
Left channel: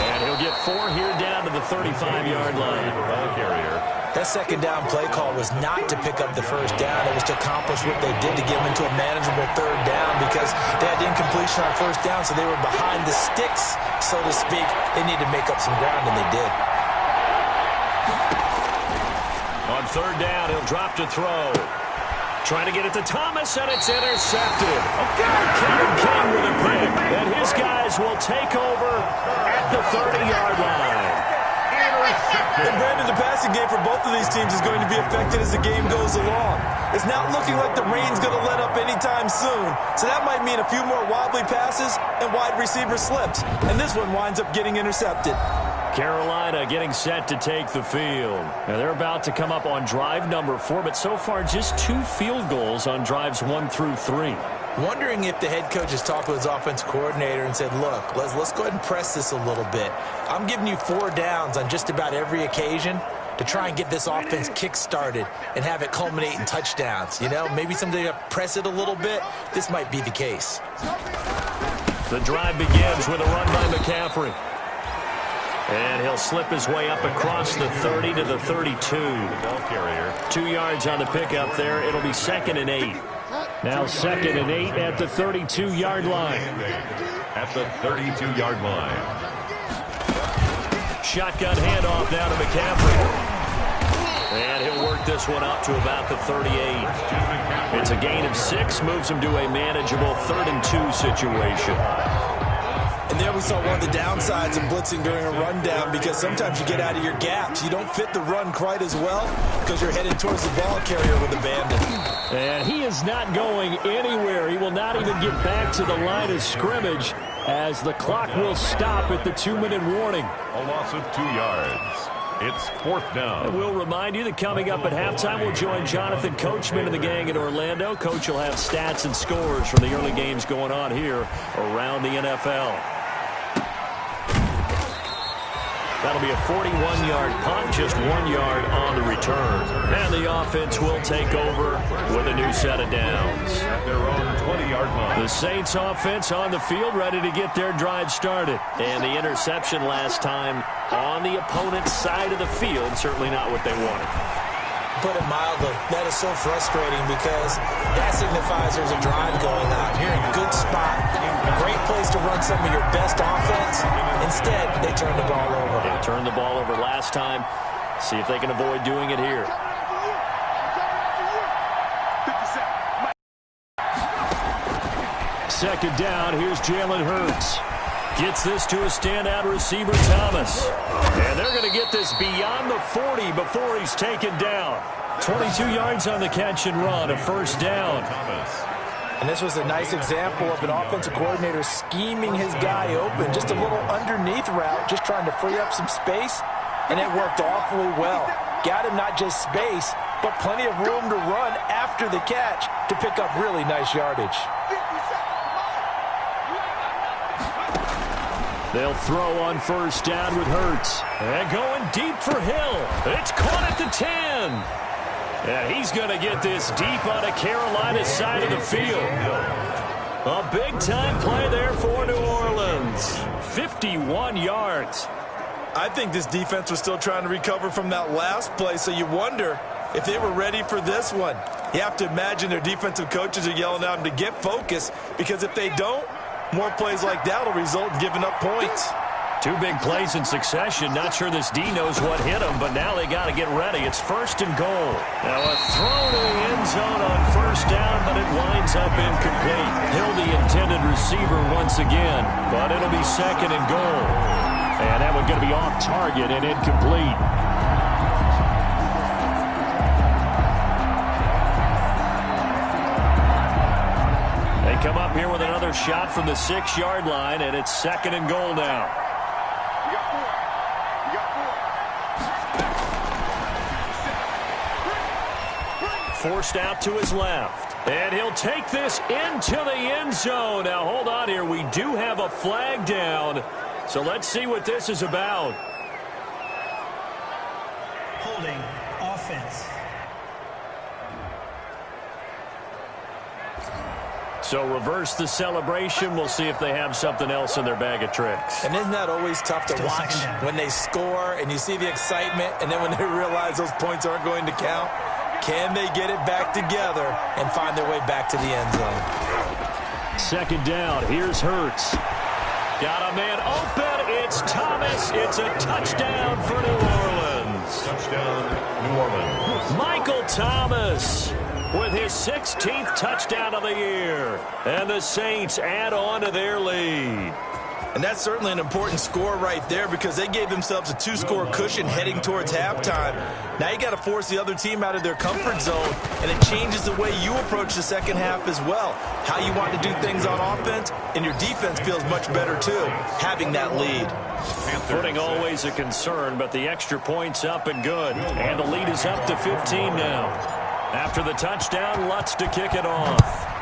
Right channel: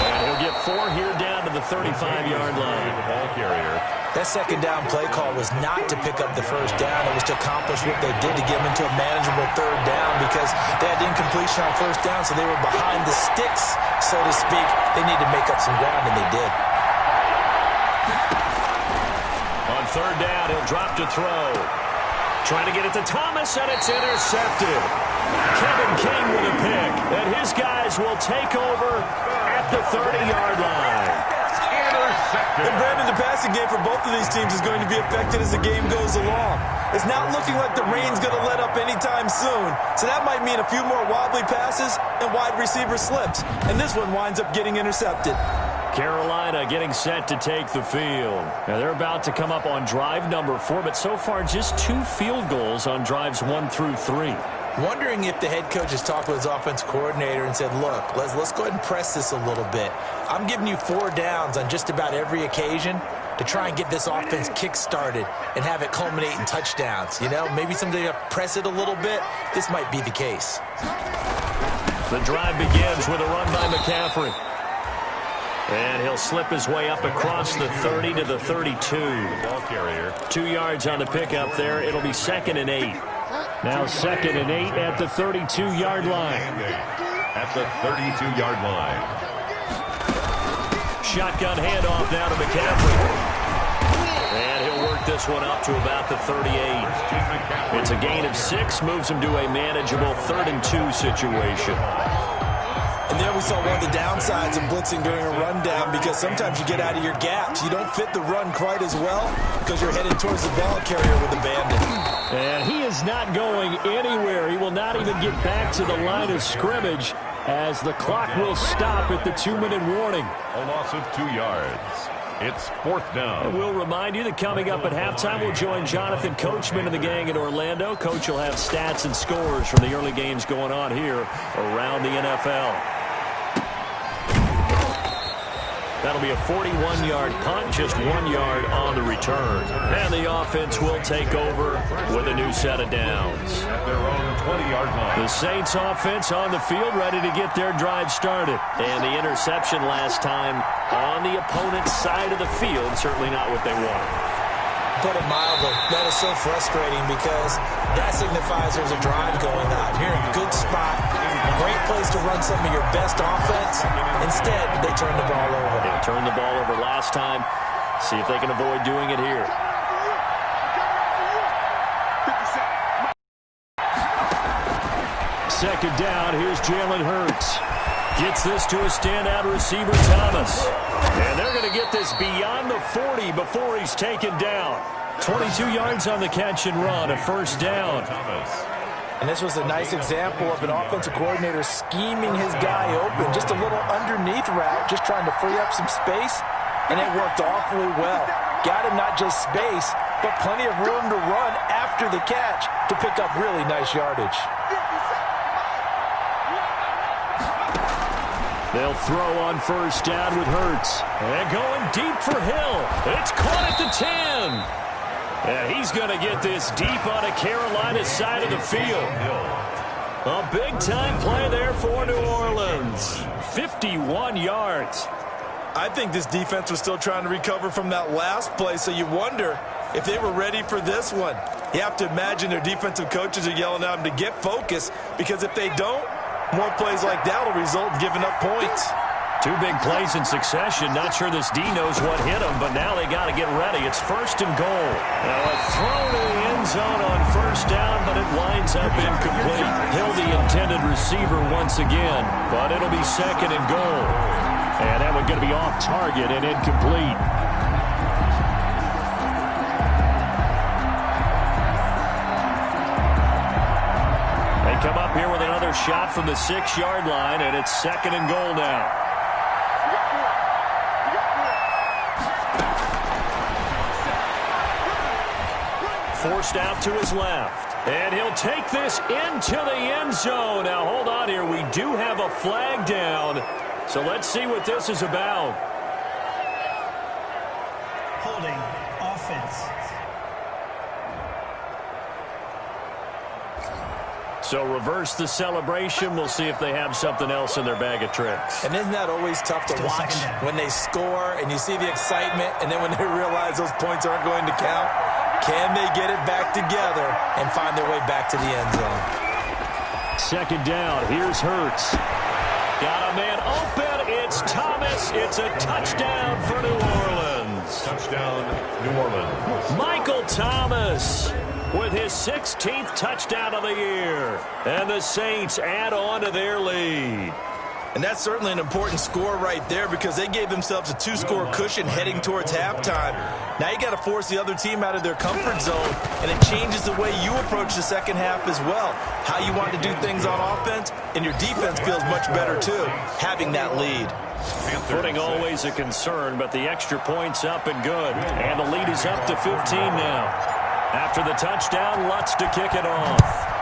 And he'll get 4 here down to the 35-yard line. The ball carrier. That 2nd down play call was not to pick up the 1st down. It was to accomplish what they did to get them into a manageable 3rd down because they had incompletion on 1st down, so they were behind the sticks, so to speak. They needed to make up some ground, and they did. On 3rd down, he'll drop to throw. Trying to get it to Thomas, and it's intercepted. Kevin King with a pick, and his guys will take over at the 30-yard line. And Brandon, the passing game for both of these teams is going to be affected as the game goes along. It's not looking like the rain's going to let up anytime soon, so that might mean a few more wobbly passes and wide receiver slips. And this one winds up getting intercepted. Carolina getting set to take the field. Now they're about to come up on drive number 4, but so far just 2 field goals on drives 1 through 3. Wondering if the head coach has talked with his offensive coordinator and said, look, let's go ahead and press this a little bit. I'm giving you 4 downs on just about every occasion to try and get this offense kick-started and have it culminate in touchdowns. You know, maybe someday to press it a little bit. This might be the case. The drive begins with a run by McCaffrey. And he'll slip his way up across the 30 to the 32. The ball carrier. 2 yards on the pickup there. It'll be 2nd and 8. Now 2nd and 8 at the 32-yard line. At the 32-yard line. Shotgun handoff now to McCaffrey. And he'll work this one up to about the 38. It's a gain of 6, moves him to a manageable 3rd and 2 situation. And there we saw one of the downsides of blitzing during a rundown, because sometimes you get out of your gaps. You don't fit the run quite as well because you're headed towards the ball carrier with abandon. And he is not going anywhere. He will not even get back to the line of scrimmage as the clock will stop at the 2-minute warning. A loss of 2 yards. It's 4th down. And we'll remind you that coming up at halftime, we'll join Jonathan Coachman and the gang in Orlando. Coach will have stats and scores from the early games going on here around the NFL. That'll be a 41-yard punt, just 1 yard on the return. And the offense will take over with a new set of downs. At their own 20-yard line. The Saints offense on the field, ready to get their drive started. And the interception last time on the opponent's side of the field, certainly not what they wanted. Put it mildly, that is so frustrating because that signifies there's a drive going on. You're in a good spot, great place to run some of your best offense. Instead, they turn the ball over. They turned the ball over last time. See if they can avoid doing it here. Second down, here's Jalen Hurts. Gets this to a standout receiver, Thomas. And they're going to get this beyond the 40 before he's taken down. 22 yards on the catch and run, a 1st down. And this was a nice example of an offensive coordinator scheming his guy open. Just a little underneath route, just trying to free up some space. And it worked awfully well. Got him not just space, but plenty of room to run after the catch to pick up really nice yardage. They'll throw on 1st down with Hurts. And going deep for Hill. It's caught at the 10. And he's going to get this deep on a Carolina side of the field. A big-time play there for New Orleans. 51 yards. I think this defense was still trying to recover from that last play, so you wonder if they were ready for this one. You have to imagine their defensive coaches are yelling at them to get focused, because if they don't, more plays like that will result in giving up points. 2 big plays in succession. Not sure this D knows what hit him, but now they got to get ready. It's 1st and goal. Now a throw to the end zone on 1st down, but it winds up incomplete. Hill, the intended receiver once again, but it'll be 2nd and goal. And that one going to be off target and incomplete. They come up here with another shot from the 6-yard line, and it's 2nd and goal now. Forced out to his left. And he'll take this into the end zone. Now, hold on here. We do have a flag down. So let's see what this is about. Holding offense. So reverse the celebration. We'll see if they have something else in their bag of tricks. And isn't that always tough to watch when they score and you see the excitement, and then when they realize those points aren't going to count? Can they get it back together and find their way back to the end zone? 2nd down. Here's Hurts. Got a man open. It's Thomas. It's a touchdown for New Orleans. Touchdown, New Orleans. Michael Thomas with his 16th touchdown of the year. And the Saints add on to their lead. And that's certainly an important score right there, because they gave themselves a 2-score cushion heading towards halftime. Now you got to force the other team out of their comfort zone, and it changes the way you approach the second half as well. How you want to do things on offense, and your defense feels much better too, having that lead. Footing always a concern, but the extra point's up and good. And the lead is up to 15 now. After the touchdown, Lutz to kick it off.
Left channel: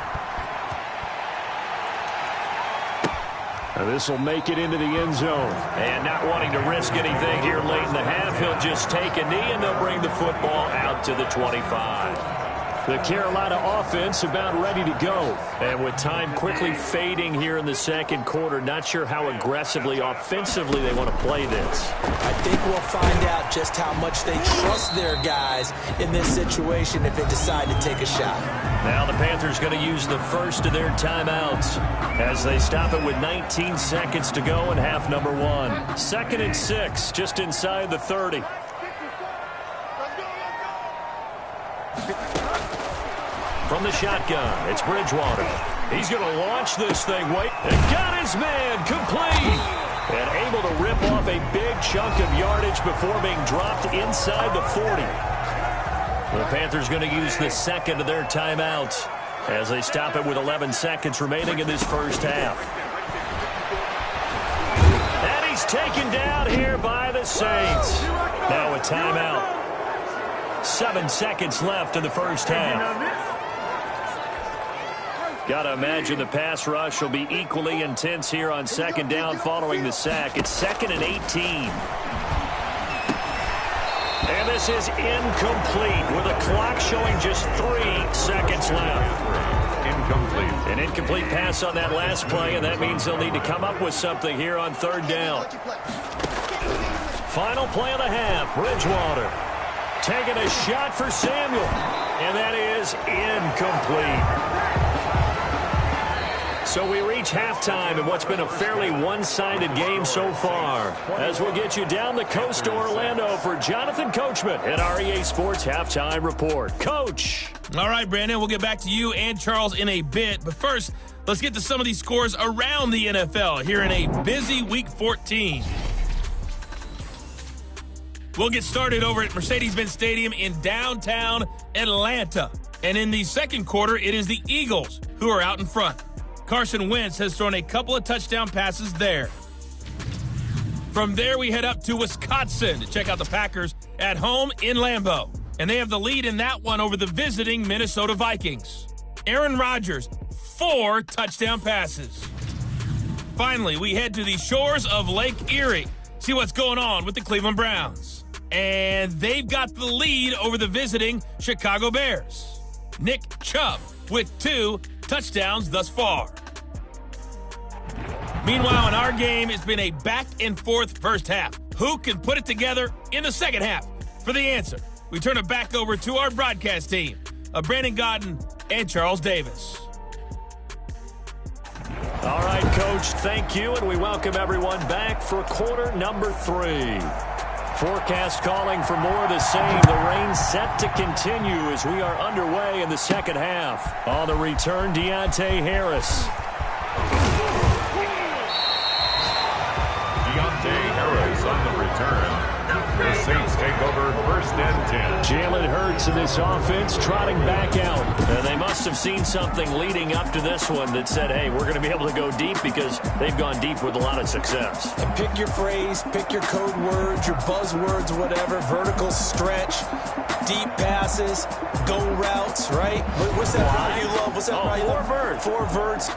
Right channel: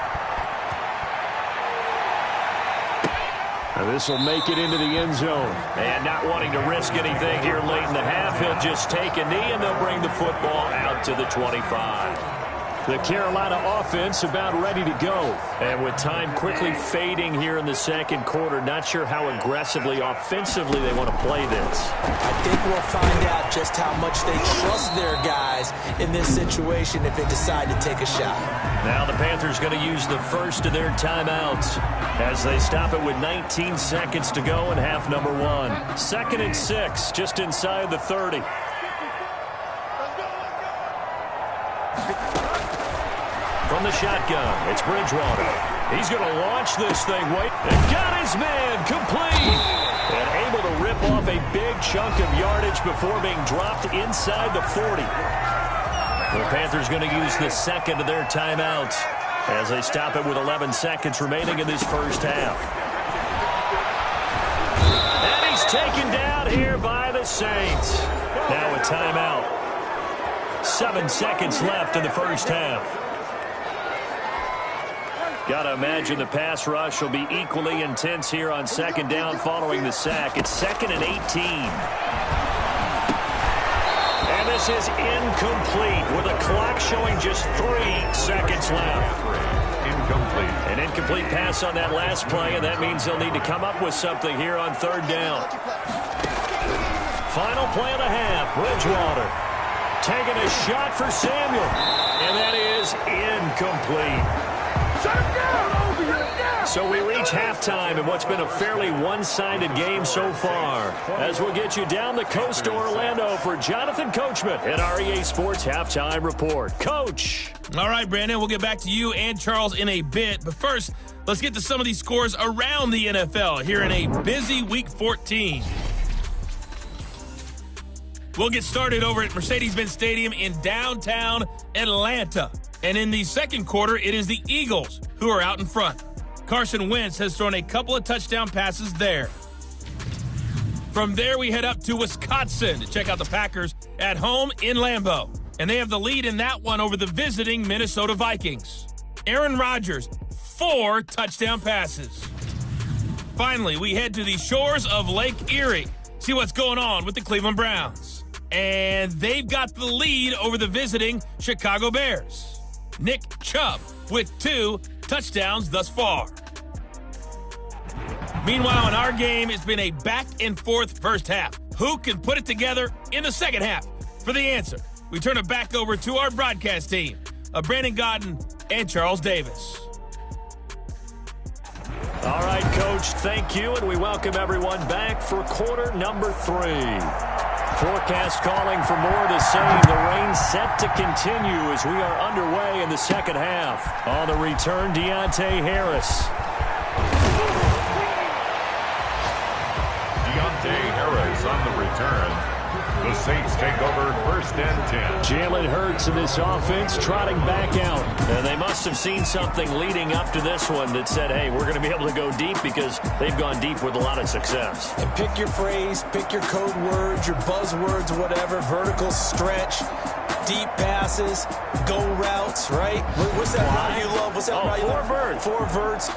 This will make it into the end zone. And not wanting to risk anything here late in the half, he'll just take a knee, and they'll bring the football out to the 25. The Carolina offense about ready to go. And with time quickly fading here in the second quarter, not sure how aggressively, offensively they want to play this. I think we'll find out just how much they trust their guys in this situation if they decide to take a shot. Now the Panthers going to use the first of their timeouts as they stop it with 19 seconds to go in half number 1. 2nd and 6, just inside the 30. From the shotgun, it's Bridgewater. He's going to launch this thing. Wait, and got his man complete. And able to rip off a big chunk of yardage before being dropped inside the 40. The Panthers going to use the second of their timeouts as they stop it with 11 seconds remaining in this first half. And he's taken down here by the Saints. Now a timeout. 7 seconds left in the first half. Got to imagine the pass rush will be equally intense here on second down following the sack. It's 2nd and 18. And this is incomplete with a clock showing just 3 seconds left. Incomplete. An incomplete pass on that last play, and that means they'll need to come up with something here on 3rd down. Final play of the half, Bridgewater. Taking a shot for Samuel. And that is incomplete. So we reach halftime in what's been a fairly one-sided game so far. As we'll get you down the coast to Orlando for Jonathan Coachman at our EA Sports Halftime Report. Coach. All right, Brandon, we'll get back to you and Charles in a bit. But first, let's get to some of these scores around the NFL here in a busy Week 14. We'll get started over at Mercedes-Benz Stadium in downtown Atlanta. And in the second quarter, it is the Eagles who are out in front. Carson Wentz has thrown a couple of touchdown passes there. From there, we head up to Wisconsin to check out the Packers at home in Lambeau. And they have the lead in that one over the visiting Minnesota Vikings. Aaron Rodgers, 4 touchdown passes. Finally, we head to the shores of Lake Erie. See what's going on with the Cleveland Browns. And they've got the lead over the visiting Chicago Bears. Nick Chubb with 2 touchdowns thus far. Meanwhile, in our game, it's been a back-and-forth first half. Who can put it together in the second half? For the answer, we turn it back over to our broadcast team of Brandon Godden and Charles Davis. All right, Coach, thank you, and we welcome everyone back for quarter number 3. Forecast calling for more of the same. The rain set to continue as we are underway in the second half. On the return, Deontay Harris. Deontay Harris on the return. The Saints take over 1st and 10. Jalen Hurts in this offense trotting back out. And they must have seen something leading up to this one that said, hey, we're going to be able to go deep because they've gone deep with a lot of success. And pick your phrase, pick your code words, your buzzwords, whatever. Vertical stretch, deep passes, go routes, right? What's that route you love? What's that route you love? 4 verts. 4 verts.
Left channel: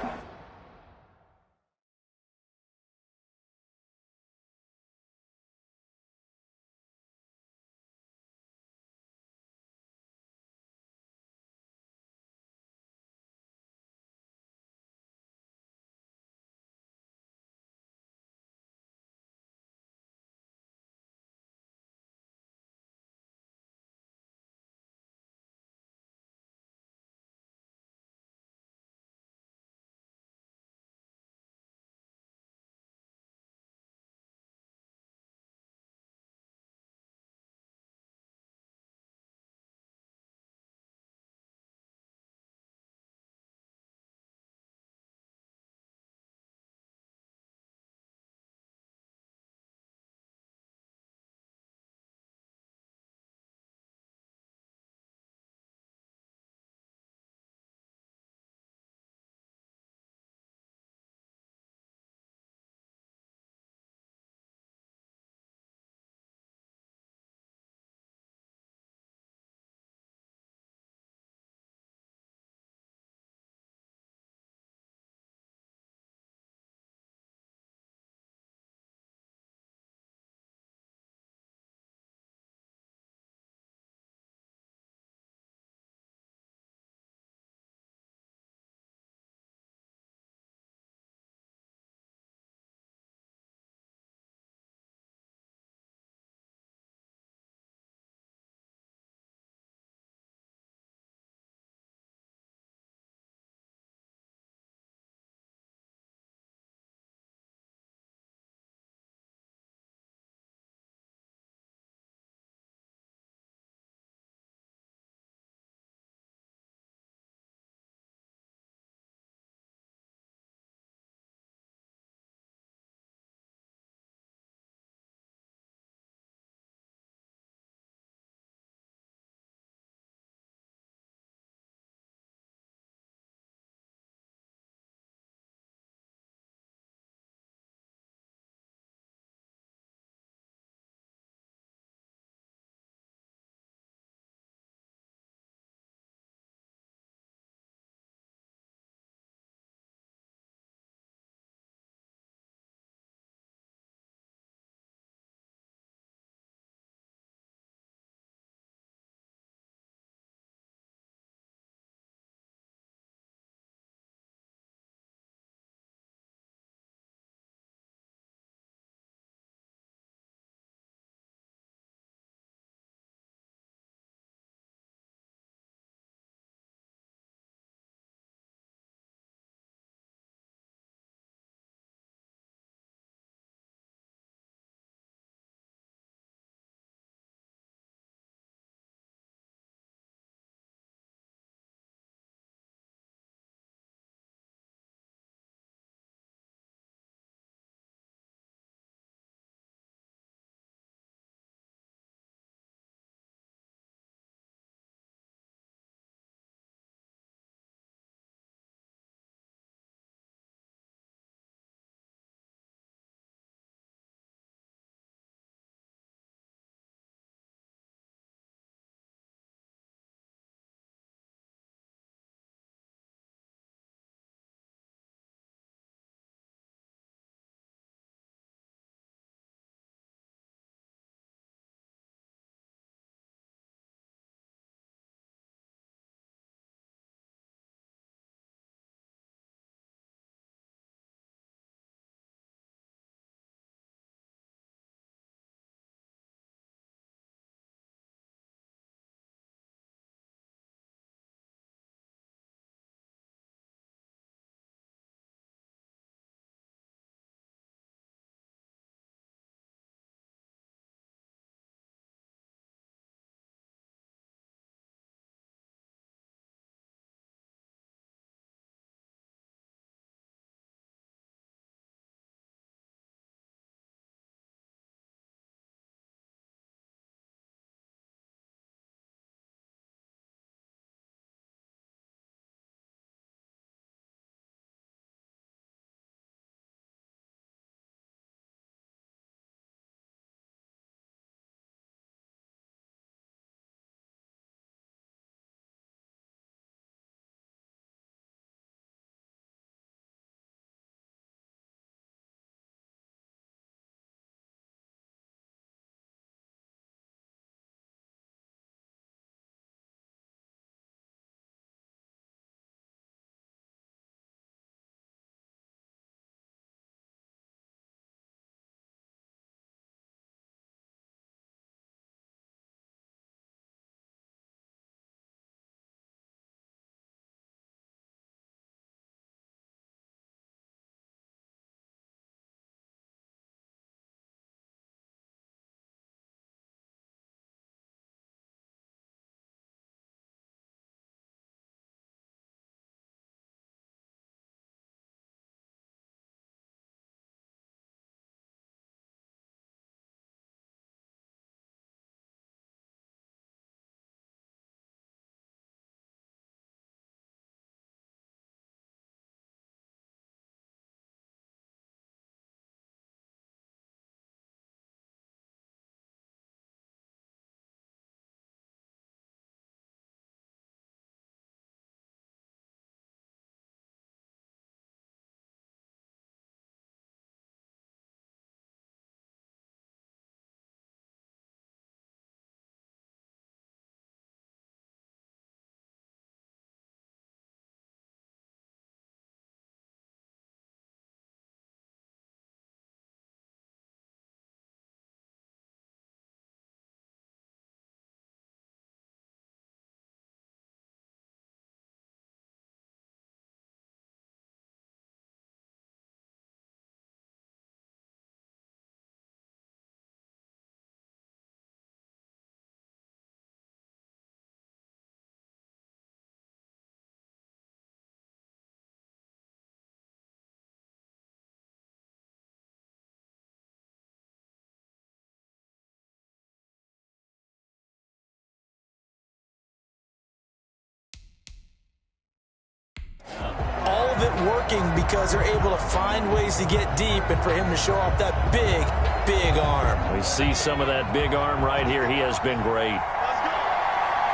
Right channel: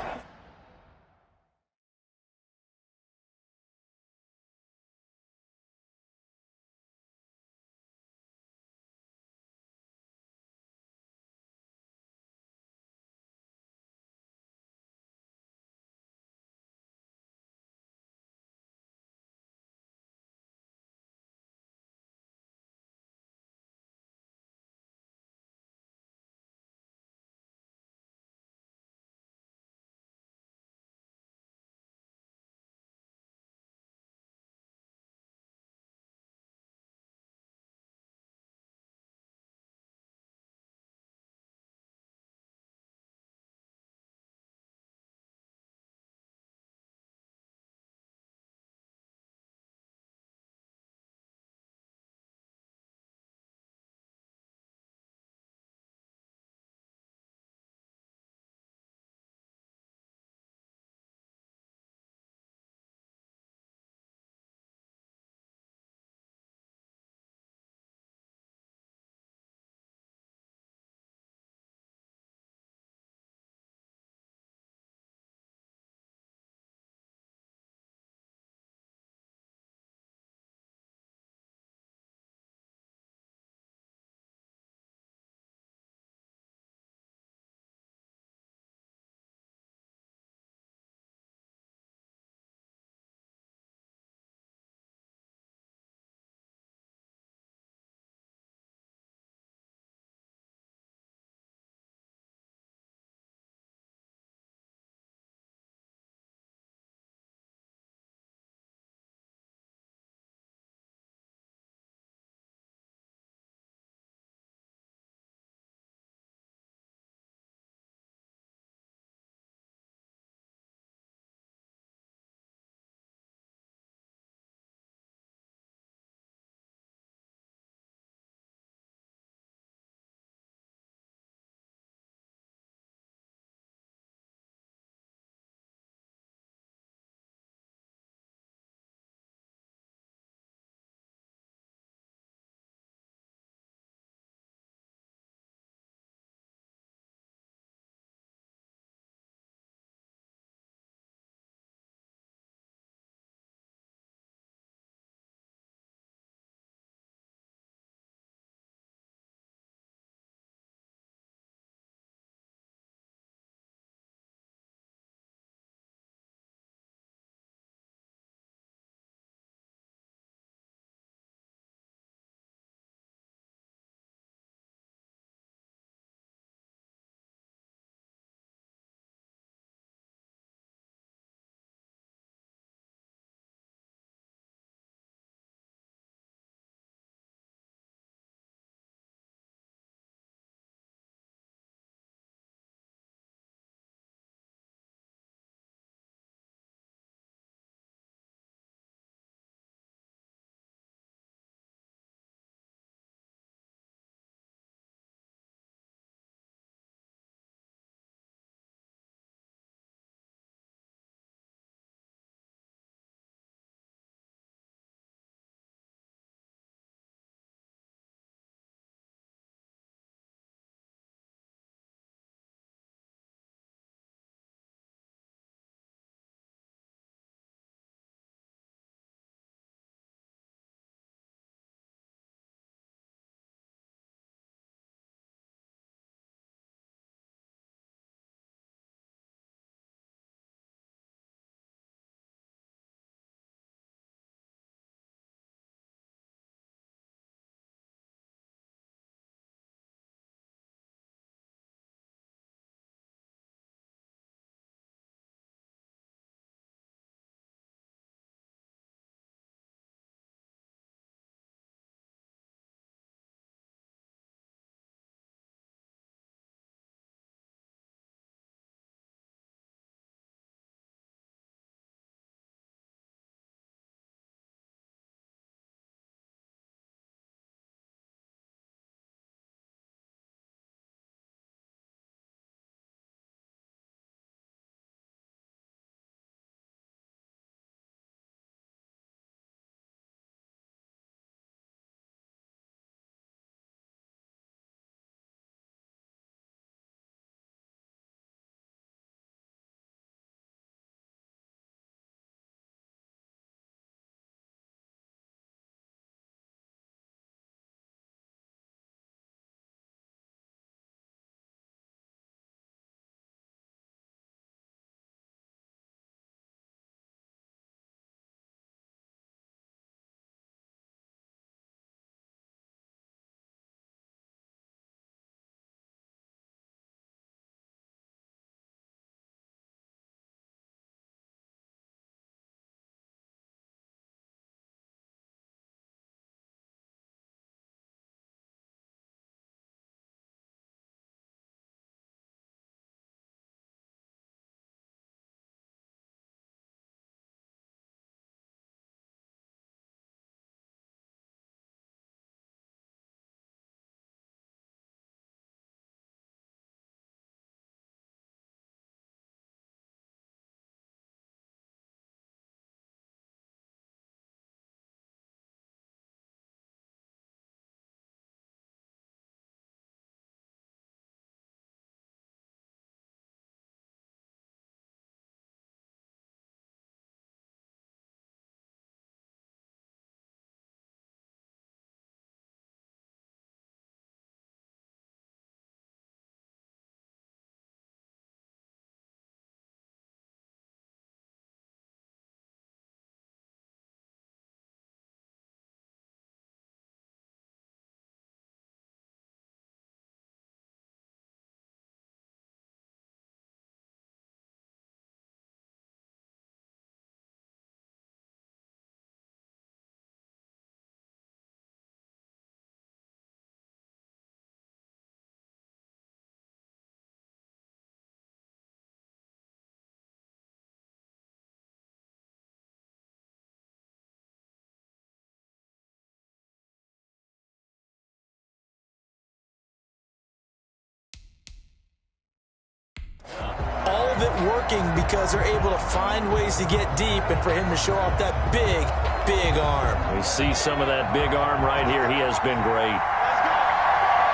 of it working because they're able to find ways to get deep and for him to show off that big, big arm. We see some of that big arm right here. He has been great. Let's go.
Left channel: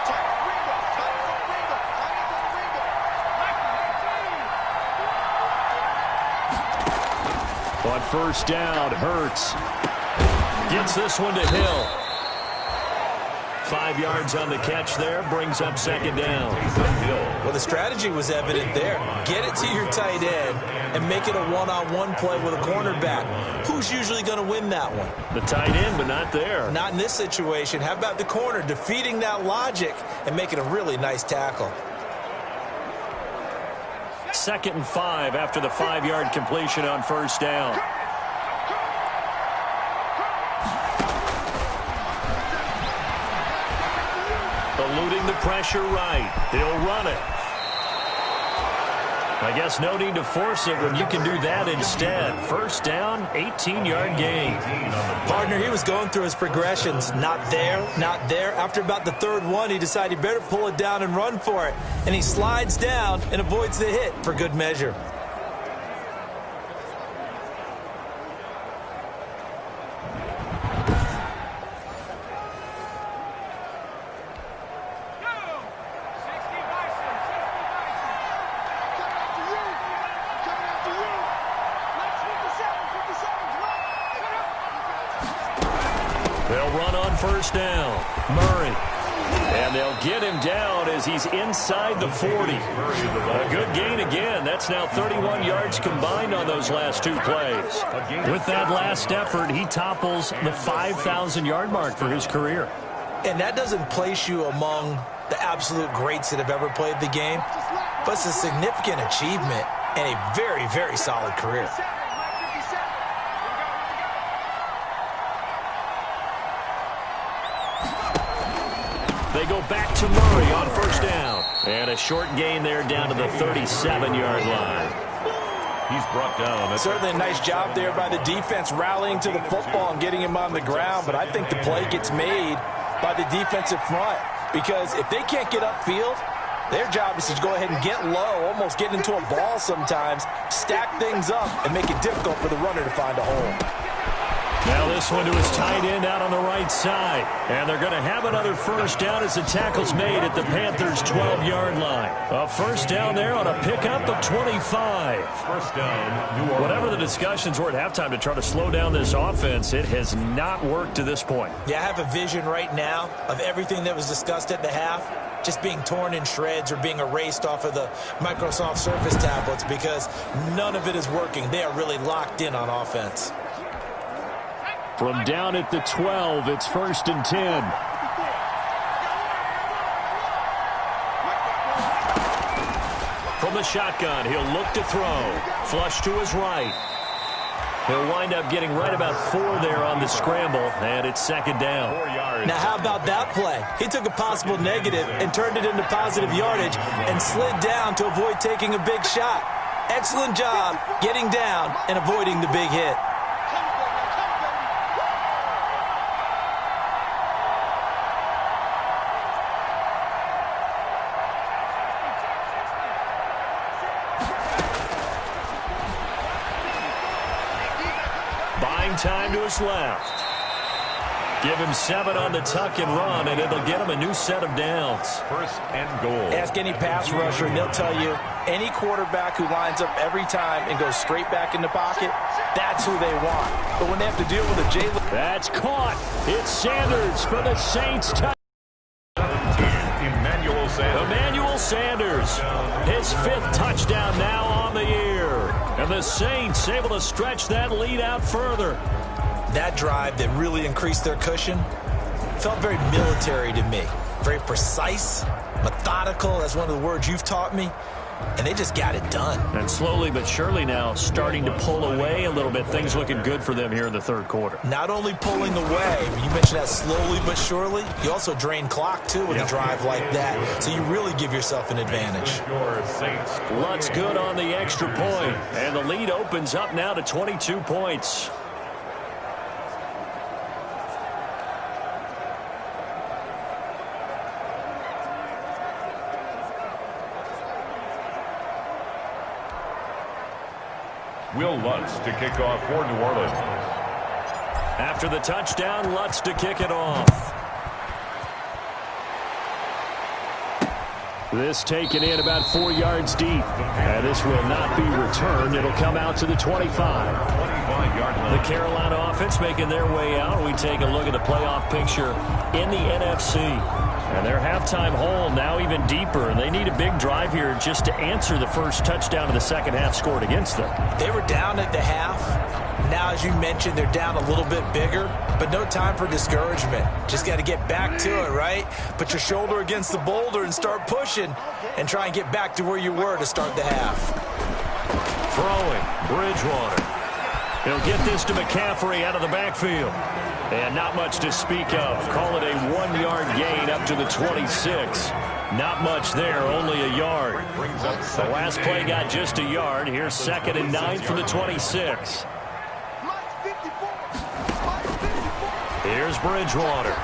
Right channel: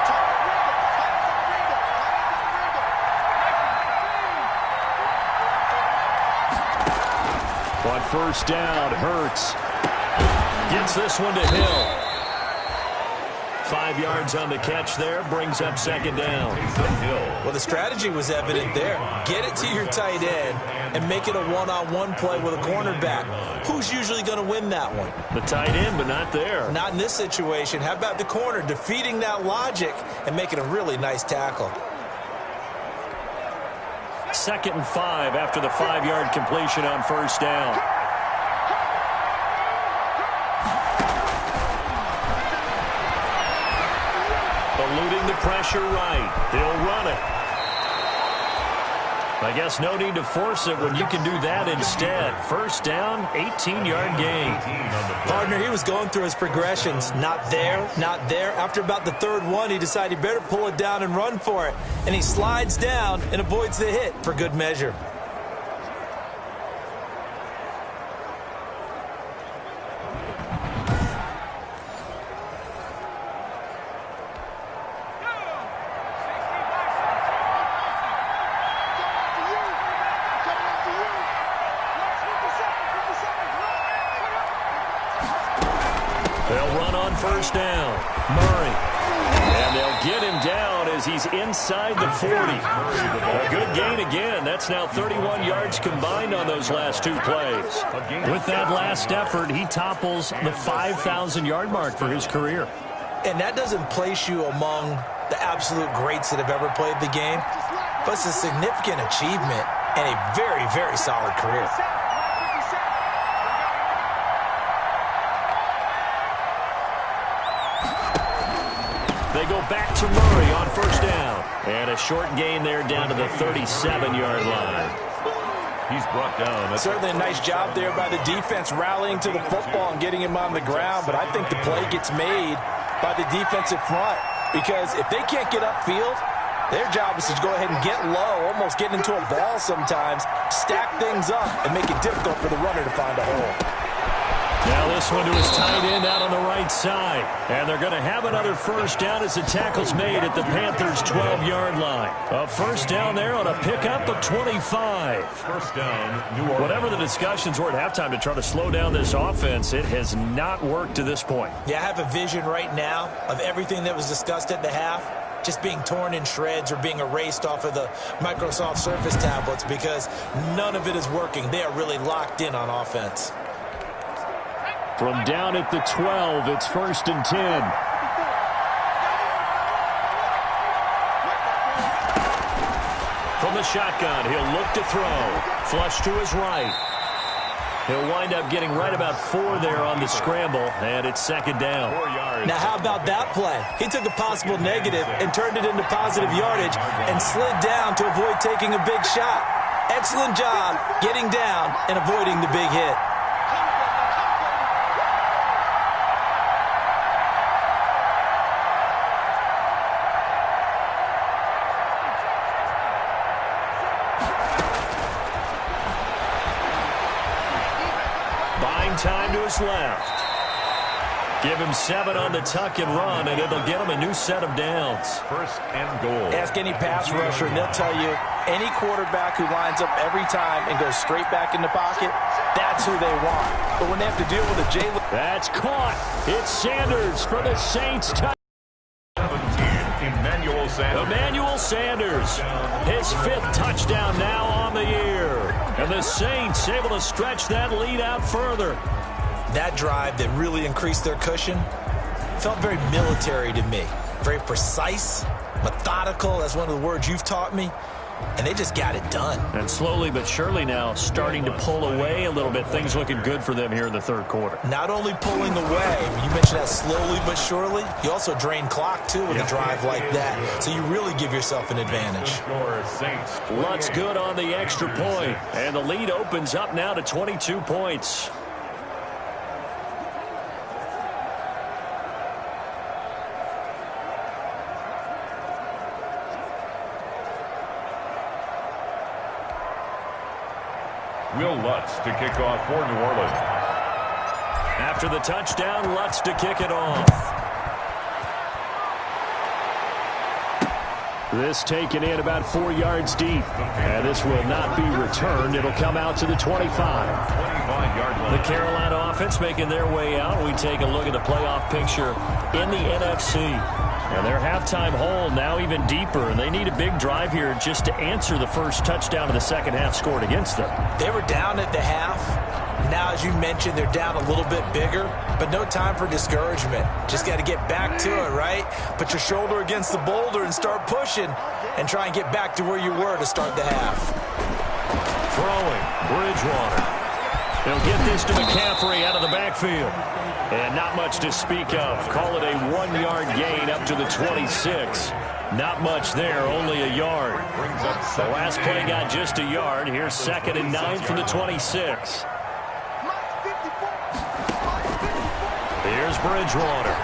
Tight Ringo. Tight for the Ringo. Tight for the Ringo. On first down, Hurts gets this one to Hill. 5 yards on the catch there, brings up second down. Well, the strategy was evident there. Get it to your tight end and make it a one-on-one play with a cornerback. Who's usually going to win that one? The tight end, but not there. Not in this situation. How about the corner defeating that logic and making a really nice tackle? 2nd and 5 after the 5-yard completion on first down. Eluding the pressure right. He'll run it. I guess no need to force it when you can do that instead. First down, 18-yard gain. Partner, he was going through his progressions. Not there, not there. After about the 3rd one, he decided he better pull it down and run for it. And he slides down and avoids the hit for good measure. They'll run on first down. Murray. And they'll get him down as he's inside the 40. A good gain again. That's now 31 yards combined on those last 2 plays. With that last effort, he topples the 5,000-yard mark for his career. And that doesn't place you among the absolute greats that have ever played the game, but it's a significant achievement and a very, very solid career. They go back to Murray on first down. And a short gain there down to the 37-yard line. He's brought down. Certainly a nice job there by the defense rallying to the football and getting him on the ground, but I think the play gets made by the defensive front because if they can't get upfield, their job is to go ahead and get low, almost get into a ball sometimes, stack things up, and make it difficult for the runner to find a hole. Now this one to his tight end out on the right side. And they're going to have another first down as the tackle's made at the Panthers' 12-yard line. A first down there on a pickup of 25. First down, New Orleans. Whatever the discussions were at halftime to try to slow down this offense, it has not worked to this point. Yeah, I have a vision right now of everything that was discussed at the half just being torn in shreds or being erased off of the Microsoft Surface tablets because none of it is working. They are really locked in on offense. From down at the 12, it's 1st and 10. From the shotgun, he'll look to throw. Flush to his right. He'll wind up getting right about 4 there on the scramble, and it's 2nd down. 4 yards. Now, how about that play? He took a possible negative and turned it into positive yardage and slid down to avoid taking a big shot. Excellent job getting down and avoiding the big hit. Buying time to his left. Give him 7 on the tuck and run, and it'll get him a new set of downs. 1st and goal. Ask any pass rusher, and they'll tell you any quarterback who lines up every time and goes straight back in the pocket, that's who they want. But when they have to deal with a Jalen... That's caught. It's Sanders for the Saints. 17, Emmanuel Sanders. Emmanuel Sanders, his 5th touchdown now on the year. And the Saints able to stretch that lead out further. That drive that really increased their cushion felt very military to me. Very precise, methodical. That's one of the words you've taught me. And they just got it done. And slowly but surely now starting to pull away a little bit. Things looking good for them here in the 3rd quarter. Not only pulling away, you mentioned that slowly but surely, you also drain clock, too, with a drive like that. So you really give yourself an advantage. Lutt's good on the extra point. And the lead opens up now to 22 points. Will Lutz to kick off for New Orleans. After the touchdown, Lutz to kick it off. This taken in about 4 yards deep. And this will not be returned. It'll come out to the 25. 25-yard line. The Carolina offense making their way out. We take a look at the playoff picture in the NFC. And their halftime hole now even deeper. And they need a big drive here just to answer the first touchdown of the second half scored against them. They were down at the half. Now, as you mentioned, they're down a little bit bigger, but no time for discouragement. Just got to get back to it, right? Put your shoulder against the boulder and start pushing and try and get back to where you were to start the half. Throwing, Bridgewater. He'll get this to McCaffrey out of the backfield. And not much to speak of. Call it a 1-yard gain up to the 26. Not much there, only a yard. The last play got just a yard. Here's 2nd and 9 from the 26. Here's Bridgewater.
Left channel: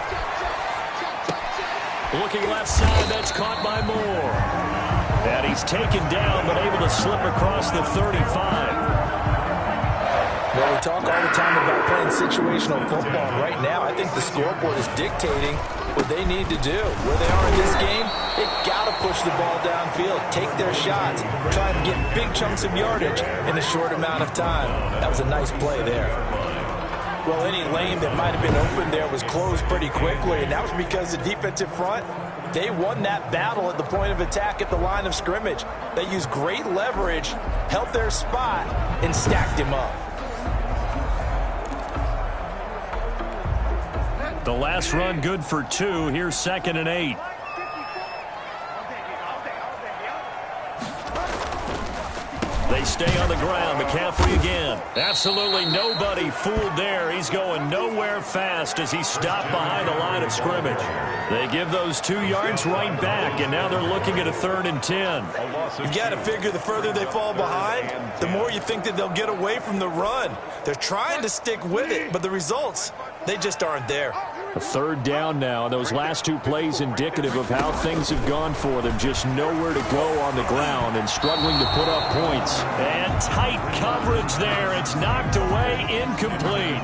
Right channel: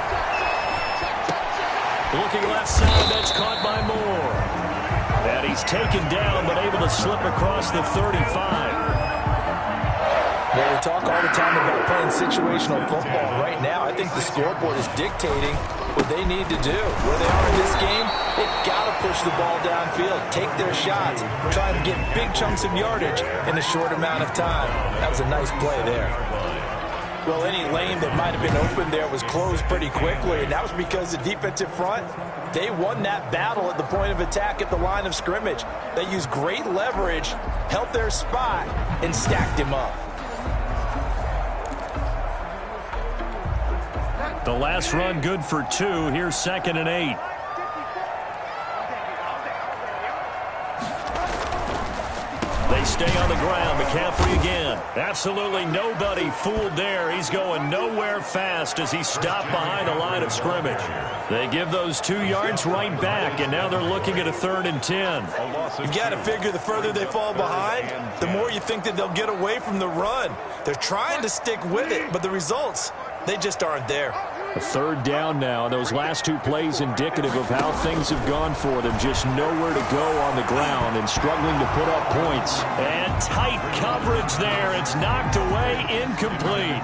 Looking left side, that's caught by Moore. And he's taken down, but able to slip across the 35. Well, we talk all the time about playing situational football. Right now, I think the scoreboard is dictating what they need to do. Where they are in this game, they've got to push the ball downfield, take their shots, try and get big chunks of yardage in a short amount of time. That was a nice play there. Well, any lane that might have been open there was closed pretty quickly, and that was because the defensive front, they won that battle at the point of attack at the line of scrimmage. They used great leverage, held their spot, and stacked him up. The last run good for 2. Here's 2nd and 8. They stay on the ground. McCaffrey again. Absolutely nobody fooled there. He's going nowhere fast as he stopped behind the line of scrimmage. They give those 2 yards right back, and now they're looking at a 3rd and 10. You got to figure the further they fall behind, the more you think that they'll get away from the run. They're trying to stick with it, but the results, they just aren't there. A 3rd down now. Those last 2 plays indicative of how things have gone for them. Just nowhere to go on the ground and struggling to put up points. And tight coverage there. It's knocked away, incomplete.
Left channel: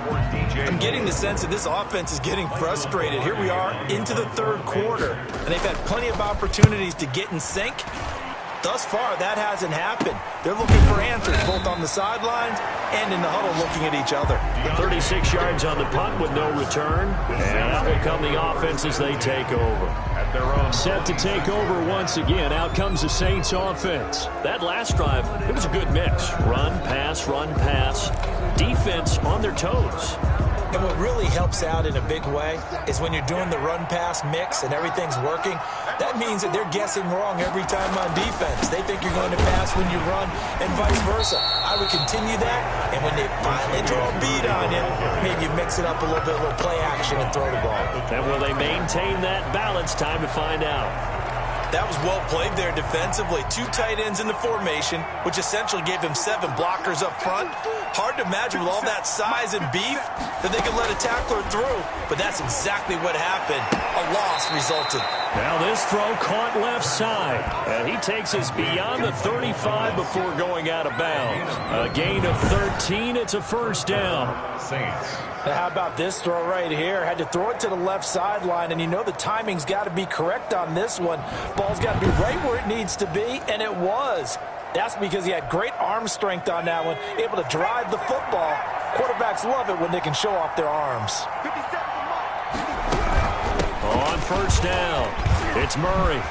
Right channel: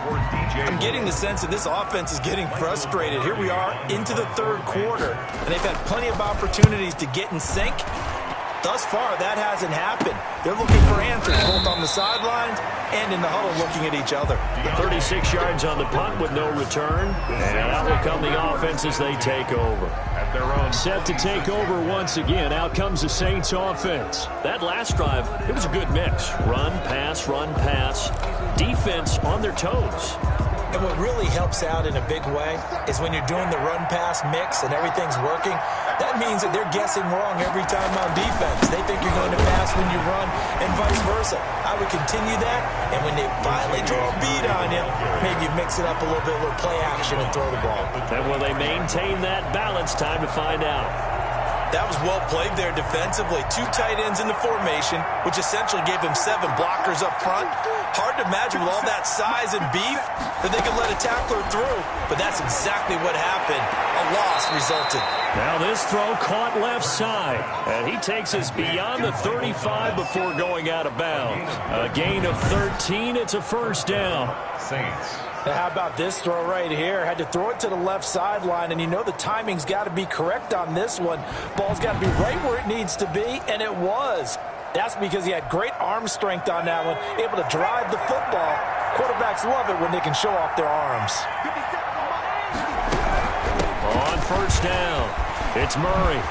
I'm getting the sense that this offense is getting frustrated. Here we are into the 3rd quarter, and they've had plenty of opportunities to get in sync. Thus far, that hasn't happened. They're looking for answers, both on the sidelines and in the huddle looking at each other. 36 yards on the punt with no return. And out will come the offense as they take over. At their own Set to take over once again. Out comes the Saints offense. That last drive, it was a good mix. Run, pass, defense on their toes. And what really helps out in a big way is when you're doing the run-pass mix and everything's working, that means that they're guessing wrong every time on defense. They think you're going to pass when you run and vice versa. I would continue that, and when they finally draw a beat on you, maybe you mix it up a little bit, a little play action and throw the ball. And will they maintain that balance? Time to find out. That was well played there defensively. 2 tight ends in the formation, which essentially gave them 7 blockers up front. Hard to imagine with all that size and beef that they could let a tackler through, but that's exactly what happened. A loss resulted. Now this throw caught left side, and he takes us beyond the 35 before going out of bounds. A gain of 13. It's a 1st down. Saints. Now, how about this throw right here? Had to throw it to the left sideline, and you know the timing's got to be correct on this one. Ball's got to be right where it needs to be, and it was. That's because he had great arm strength on that one, able to drive the football. Quarterbacks love it when they can show off their arms. On 1st down, it's Murray.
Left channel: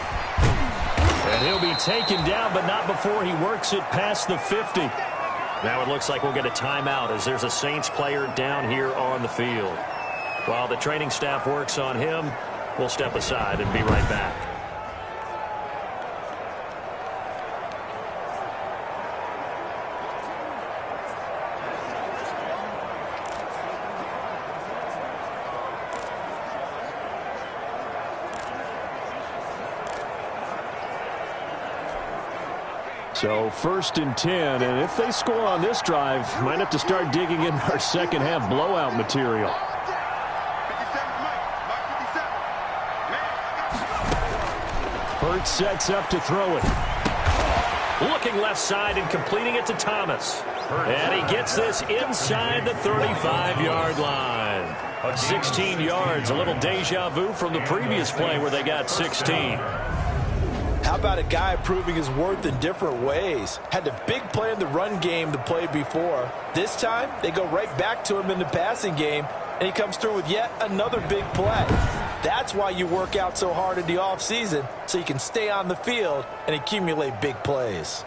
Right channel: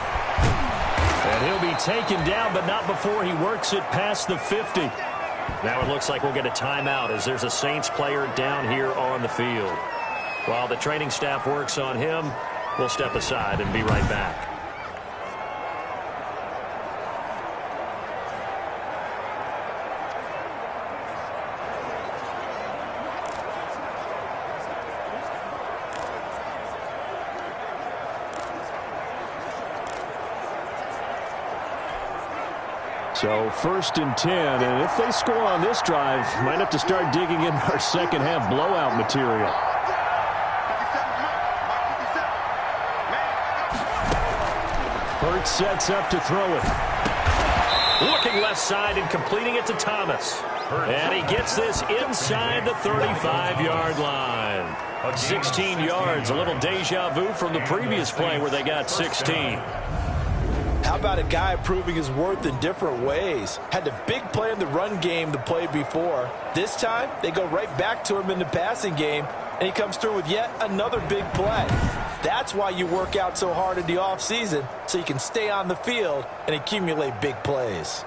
And he'll be taken down, but not before he works it past the 50. Now it looks like we'll get a timeout as there's a Saints player down here on the field. While the training staff works on him, we'll step aside and be right back. So 1st and 10, and if they score on this drive, might have to start digging in our second half blowout material. Hurts sets up to throw it. Looking left side and completing it to Thomas. And he gets this inside the 35-yard line. 16 yards, a little deja vu from the previous play where they got 16. How about a guy proving his worth in different ways? Had a big play in the run game the play before. This time, they go right back to him in the passing game, and he comes through with yet another big play. That's why you work out so hard in the offseason, so you can stay on the field and accumulate big plays.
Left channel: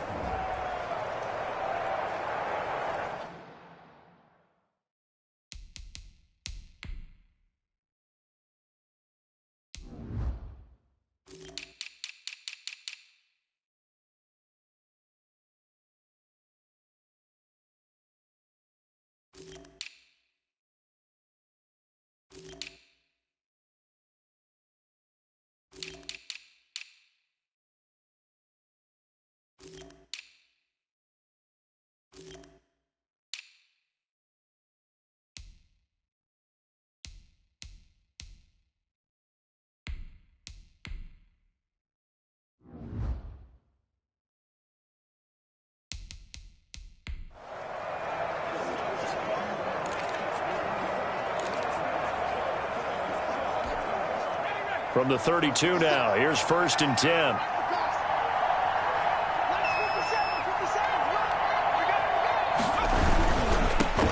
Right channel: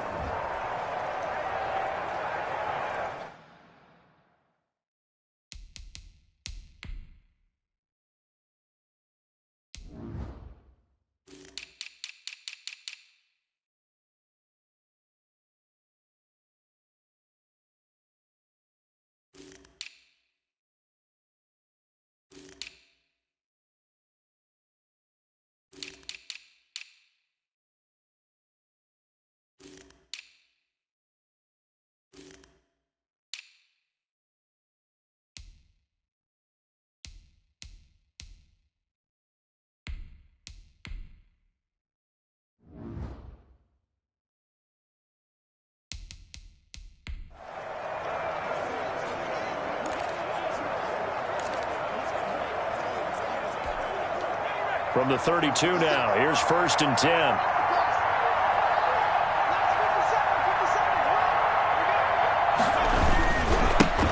From the 32 now, here's 1st and 10.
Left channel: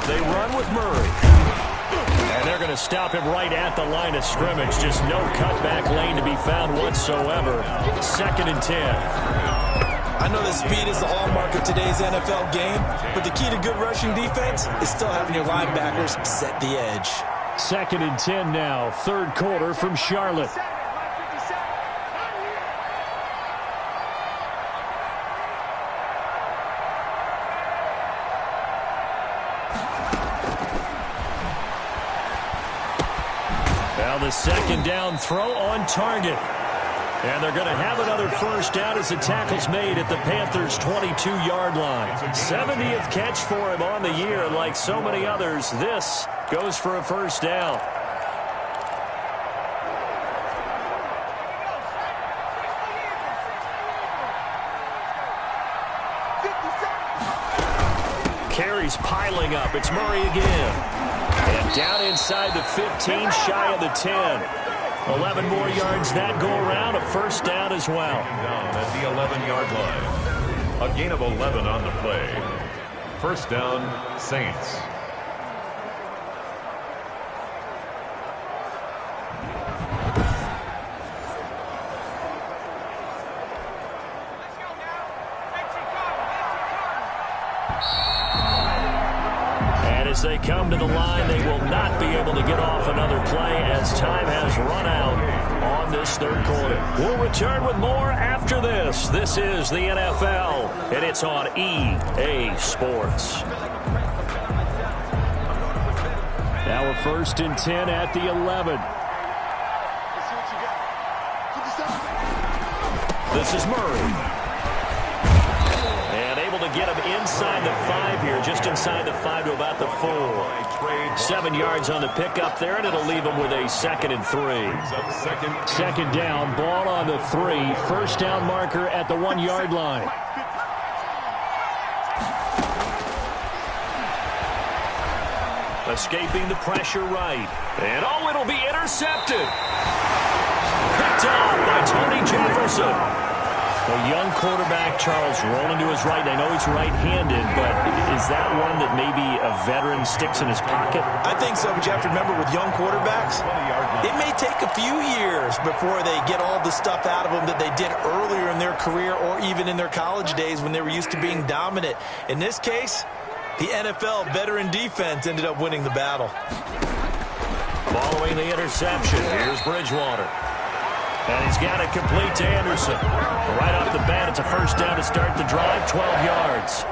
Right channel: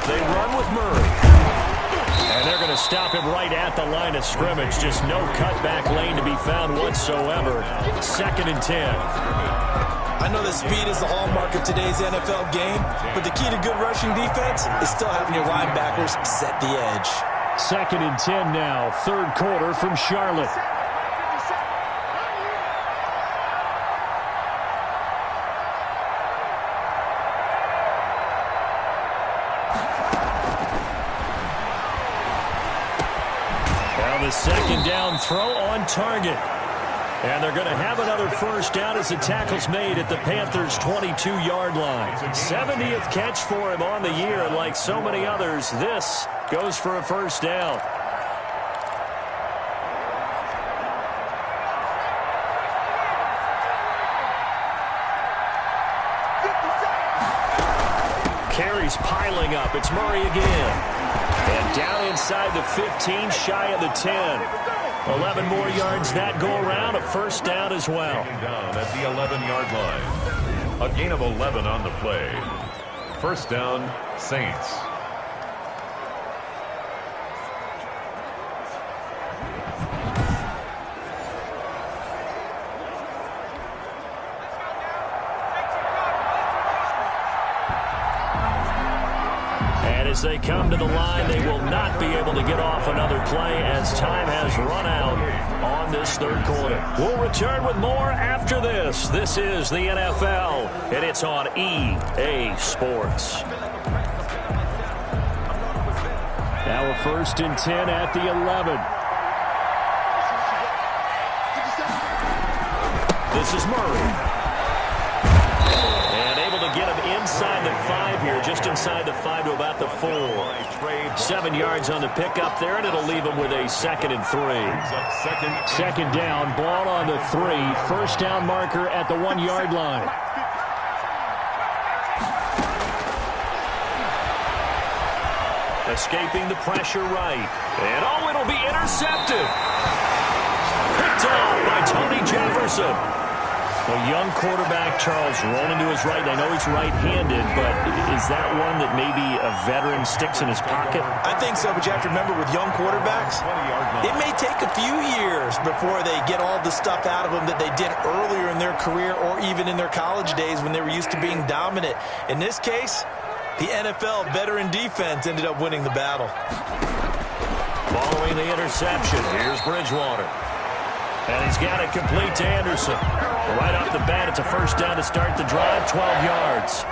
They run with Murray. And they're going to stop him right at the line of scrimmage. Just no cutback lane to be found whatsoever. 2nd and 10. I know that speed is the hallmark of today's NFL game, but the key to good rushing defense is still having your linebackers set the edge. 2nd and 10 now, 3rd quarter from Charlotte. Now the 2nd down throw on target. And they're going to have another 1st down as the tackle's made at the Panthers' 22-yard line. 70th catch for him on the year, and like so many others, this goes for a 1st down. Carries piling up. It's Murray again. And down inside the 15, shy of the 10. 11 more yards that go around, a 1st down as well. Down at the 11-yard line. A gain of 11 on the play. 1st down, Saints. As they come to the line, they will not be able to get off another play as time has run out on this 3rd quarter. We'll return with more after this. This is the NFL, and it's on EA Sports. Now a 1st and 10 at the 11. This is Murray. And able to get him inside the 5 here, just inside the 5 to about the 4. 7 yards on the pickup there, and it'll leave him with a 2nd and 3. 2nd down, ball on the 3. 1st down marker at the 1-yard line. Escaping the pressure right. And oh, it'll be intercepted. Picked off by Tony Jefferson. A young quarterback, Charles, rolling to his right. I know he's right-handed, but is that one that maybe a veteran sticks in his pocket? I think so, but you have to remember with young quarterbacks, it may take a few years before they get all the stuff out of them that they did earlier in their career or even in their college days when they were used to being dominant. In this case, the NFL veteran defense ended up winning the battle. Following the interception, here's Bridgewater. And he's got it complete to Anderson. Right off the bat, it's a 1st down to start the drive, 12 yards.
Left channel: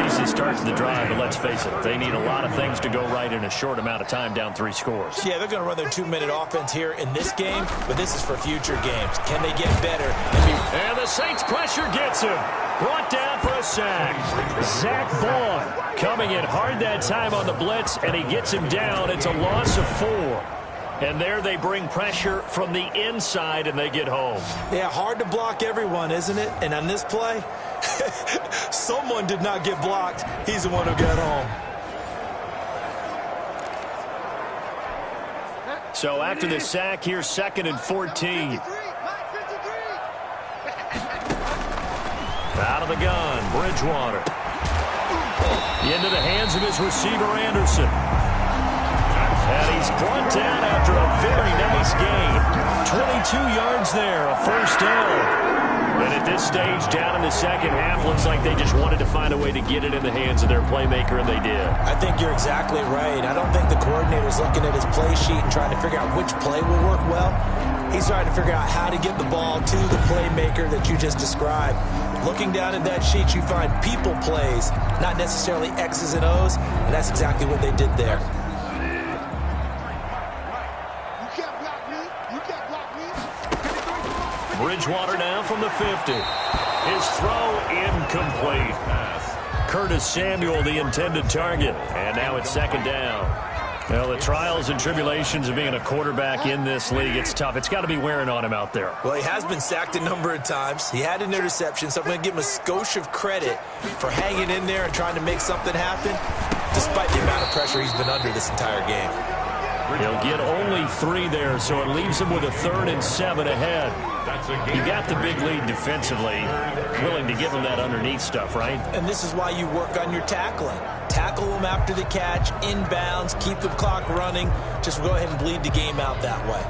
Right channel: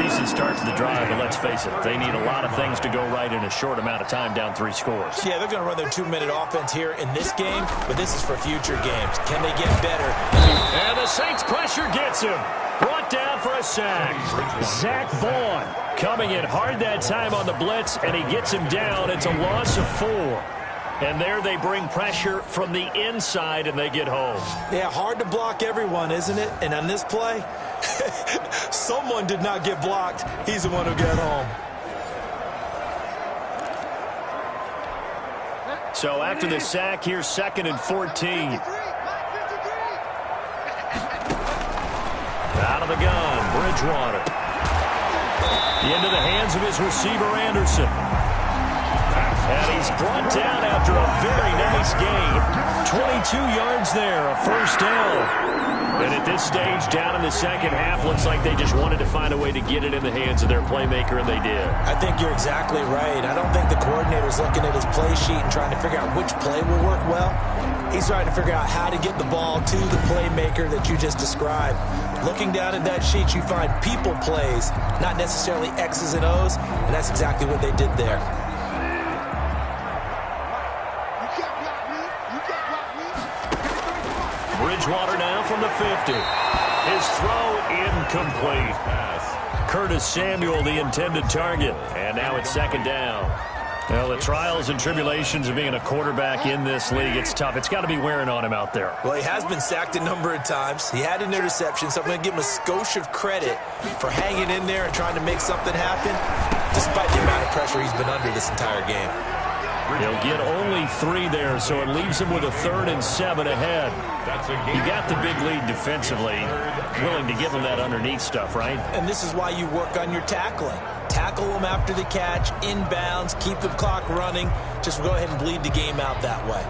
Decent start to the drive, but let's face it, they need a lot of things to go right in a short amount of time, down 3 scores. Yeah, they're going to run their 2-minute offense here in this game, but this is for future games. Can they get better? And the Saints pressure gets him. Brought down for a sack. Zach Vaughn coming in hard that time on the blitz, and he gets him down. It's a loss of 4. And there they bring pressure from the inside, and they get home. Yeah, hard to block everyone, isn't it? And on this play, someone did not get blocked. He's the one who got home. So after the sack, here's 2nd and 14. Out of the gun, Bridgewater. Into the hands of his receiver, Anderson. And he's brought down after a very nice game. 22 yards there, a first down. And at this stage, down in the second half, looks like they just wanted to find a way to get it in the hands of their playmaker, and they did. I think you're exactly right. I don't think the coordinator's looking at his play sheet and trying to figure out which play will work well. He's trying to figure out how to get the ball to the playmaker that you just described. Looking down at that sheet, you find people plays, not necessarily X's and O's, and that's exactly what they did there. Bridgewater now from the 50. His throw incomplete. Curtis Samuel, the intended target. And now it's 2nd down. Well, the trials and tribulations of being a quarterback in this league, it's tough. It's got to be wearing on him out there. Well, he has been sacked a number of times. He had an interception, so I'm going to give him a skosh of credit for hanging in there and trying to make something happen, despite the amount of pressure he's been under this entire game. He'll get only 3 there, so it leaves him with a 3rd and 7 ahead. You got the big lead defensively, willing to give him that underneath stuff, right? And this is why you work on your tackling. Tackle them after the catch, inbounds, keep the clock running. Just go ahead and bleed the game out that way.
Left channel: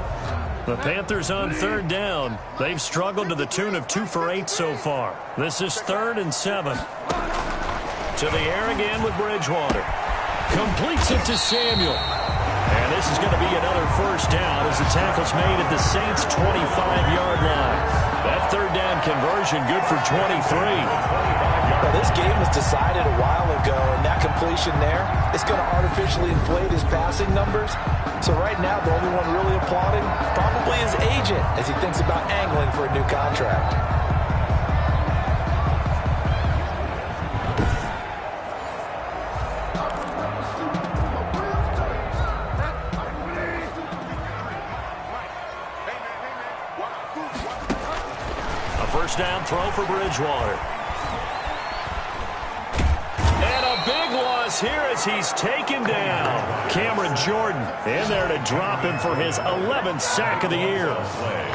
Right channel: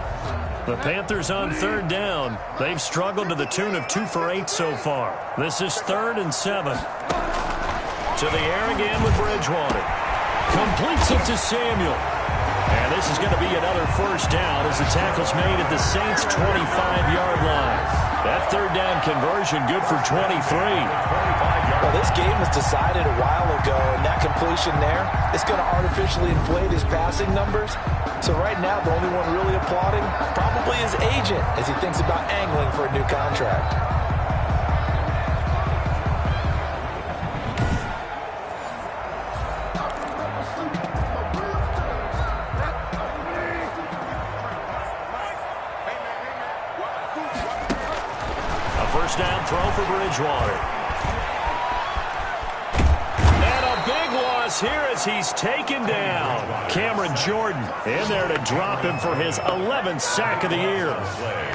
The Panthers on 3rd down. They've struggled to the tune of 2 for 8 so far. This is 3rd and 7. To the air again with Bridgewater. Completes it to Samuel. And this is going to be another first down as the tackle's made at the Saints' 25-yard line. That 3rd down conversion good for 23. Well, this game was decided a while ago, and that completion there, it's going to artificially inflate his passing numbers. So right now, the only one really applauding probably his agent as he thinks about angling for a new contract. First down throw for Bridgewater. And a big loss here as he's taken down. Cameron Jordan in there to drop him for his 11th sack of the year.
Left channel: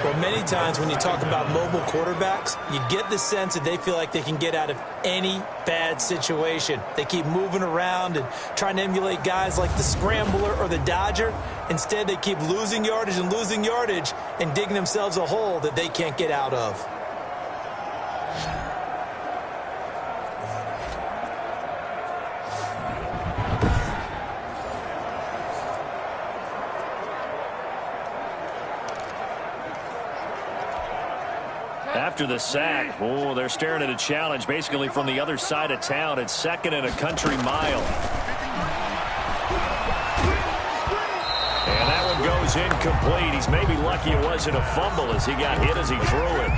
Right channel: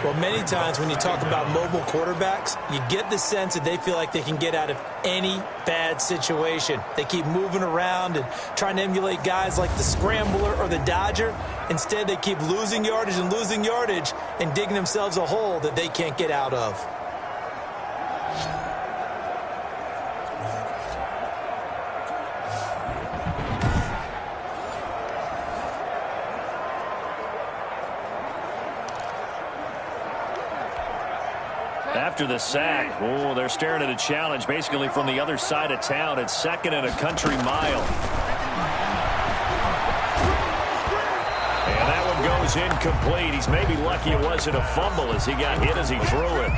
Well, many times when you talk about mobile quarterbacks, you get the sense that they feel like they can get out of any bad situation. They keep moving around and trying to emulate guys like the Scrambler or the Dodger. Instead, they keep losing yardage and digging themselves a hole that they can't get out of. After the sack, they're staring at a challenge basically from the other side of town. It's 2nd and a country mile. And that one goes incomplete. He's maybe lucky it wasn't a fumble as he got hit as he threw it.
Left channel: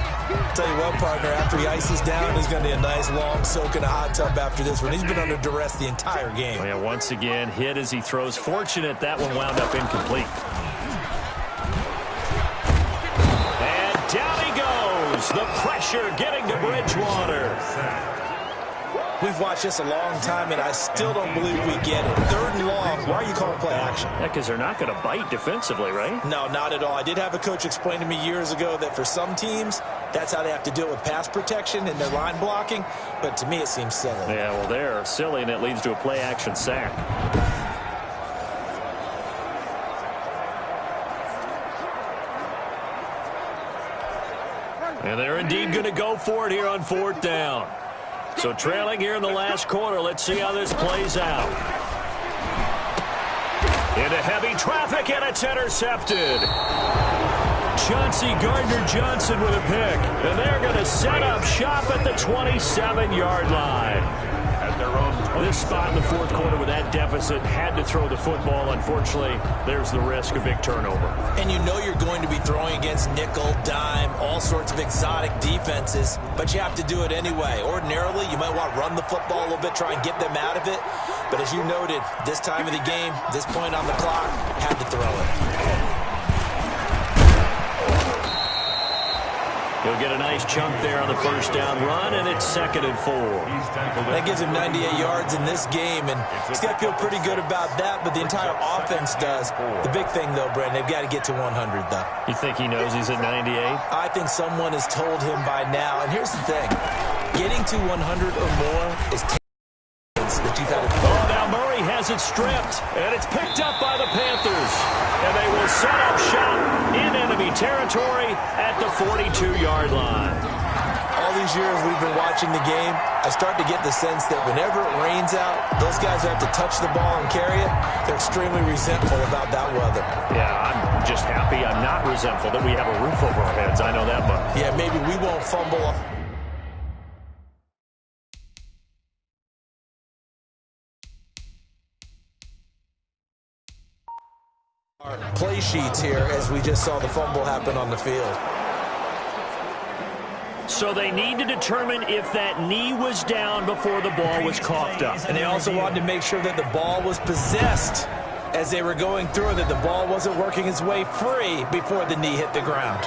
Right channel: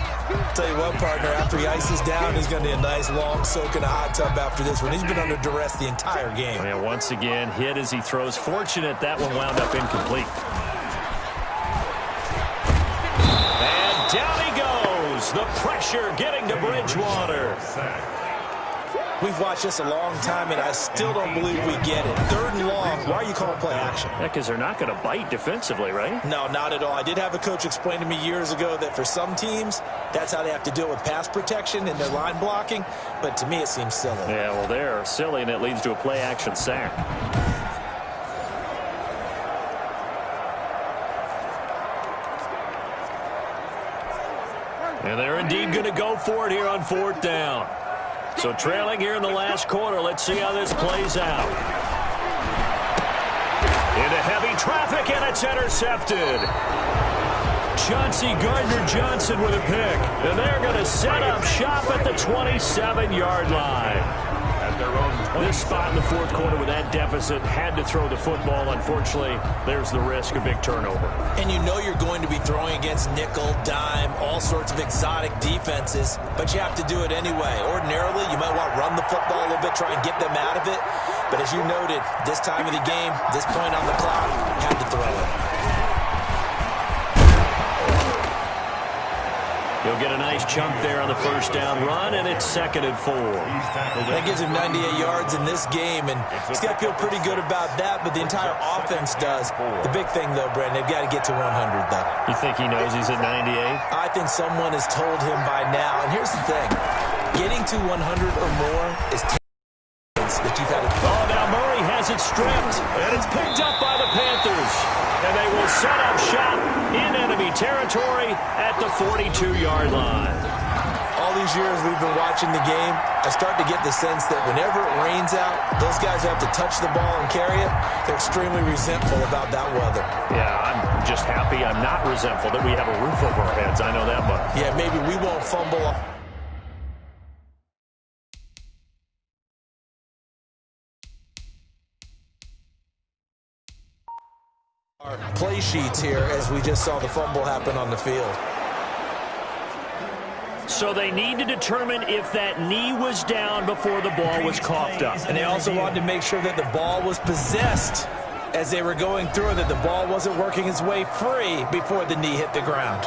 Tell you what, partner, after he ices down, he's going to need a nice long soak in a hot tub after this one. He's been under duress the entire game. And once again, hit as he throws. Fortunate that one wound up incomplete. And down he goes. The pressure getting to Bridgewater. We've watched this a long time, and I still don't believe we get it. 3rd and long. Why are you calling play action? Yeah, because they're not going to bite defensively, right? No, not at all. I did have a coach explain to me years ago that for some teams, that's how they have to deal with pass protection and their line blocking. But to me, it seems silly. Yeah, well, they're silly, and it leads to a play action sack. And they're indeed going to go for it here on 4th down. So trailing here in the last quarter. Let's see how this plays out. Into heavy traffic, and it's intercepted. Chauncey Gardner-Johnson with a pick. And they're going to set up shop at the 27-yard line. At their own this spot in the 4th quarter with that deficit, had to throw the football. Unfortunately, there's the risk of big turnover. And you know you're going to be throwing against nickel, dime, all sorts of exotic defenses, but you have to do it anyway. Ordinarily, you might want to run the football a little bit, try and get them out of it. But as you noted, this time of the game, this point on the clock, had to throw it. He'll get a nice chunk there on the first down run, and it's 2nd and 4. That gives him 98 yards in this game, and he's got to feel pretty good about that, but the entire offense does. The big thing, though, Brandon, they've got to get to 100, though. You think he knows he's at 98? I think someone has told him by now, and here's the thing. Getting to 100 or more is that you've had it. Oh, now Murray has it stripped, and it's picked up by the Panthers. And they will set up shop in enemy territory at the 42-yard line. All these years we've been watching the game, I start to get the sense that whenever it rains out, those guys who have to touch the ball and carry it, they're extremely resentful about that weather. Yeah, I'm just happy I'm not resentful that we have a roof over our heads. I know that much. Yeah, maybe we won't fumble. Our play sheets here as we just saw the fumble happen on the field. So they need to determine if that knee was down before the ball was coughed up. And they also wanted to make sure that the ball was possessed as they were going through it, that the ball wasn't working its way free before the knee hit the ground.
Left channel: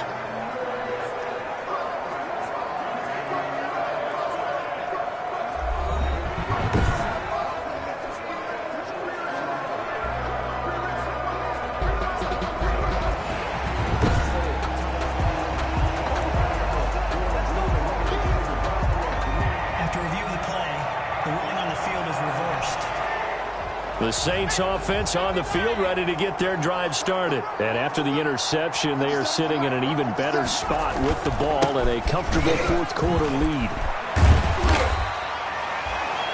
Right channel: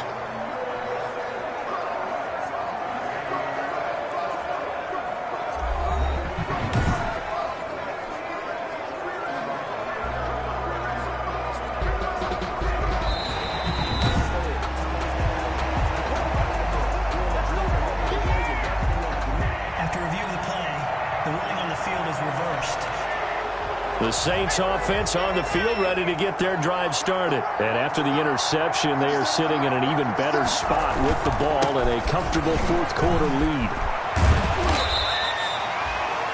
The Saints offense on the field ready to get their drive started. And after the interception, they are sitting in an even better spot with the ball and a comfortable fourth quarter lead.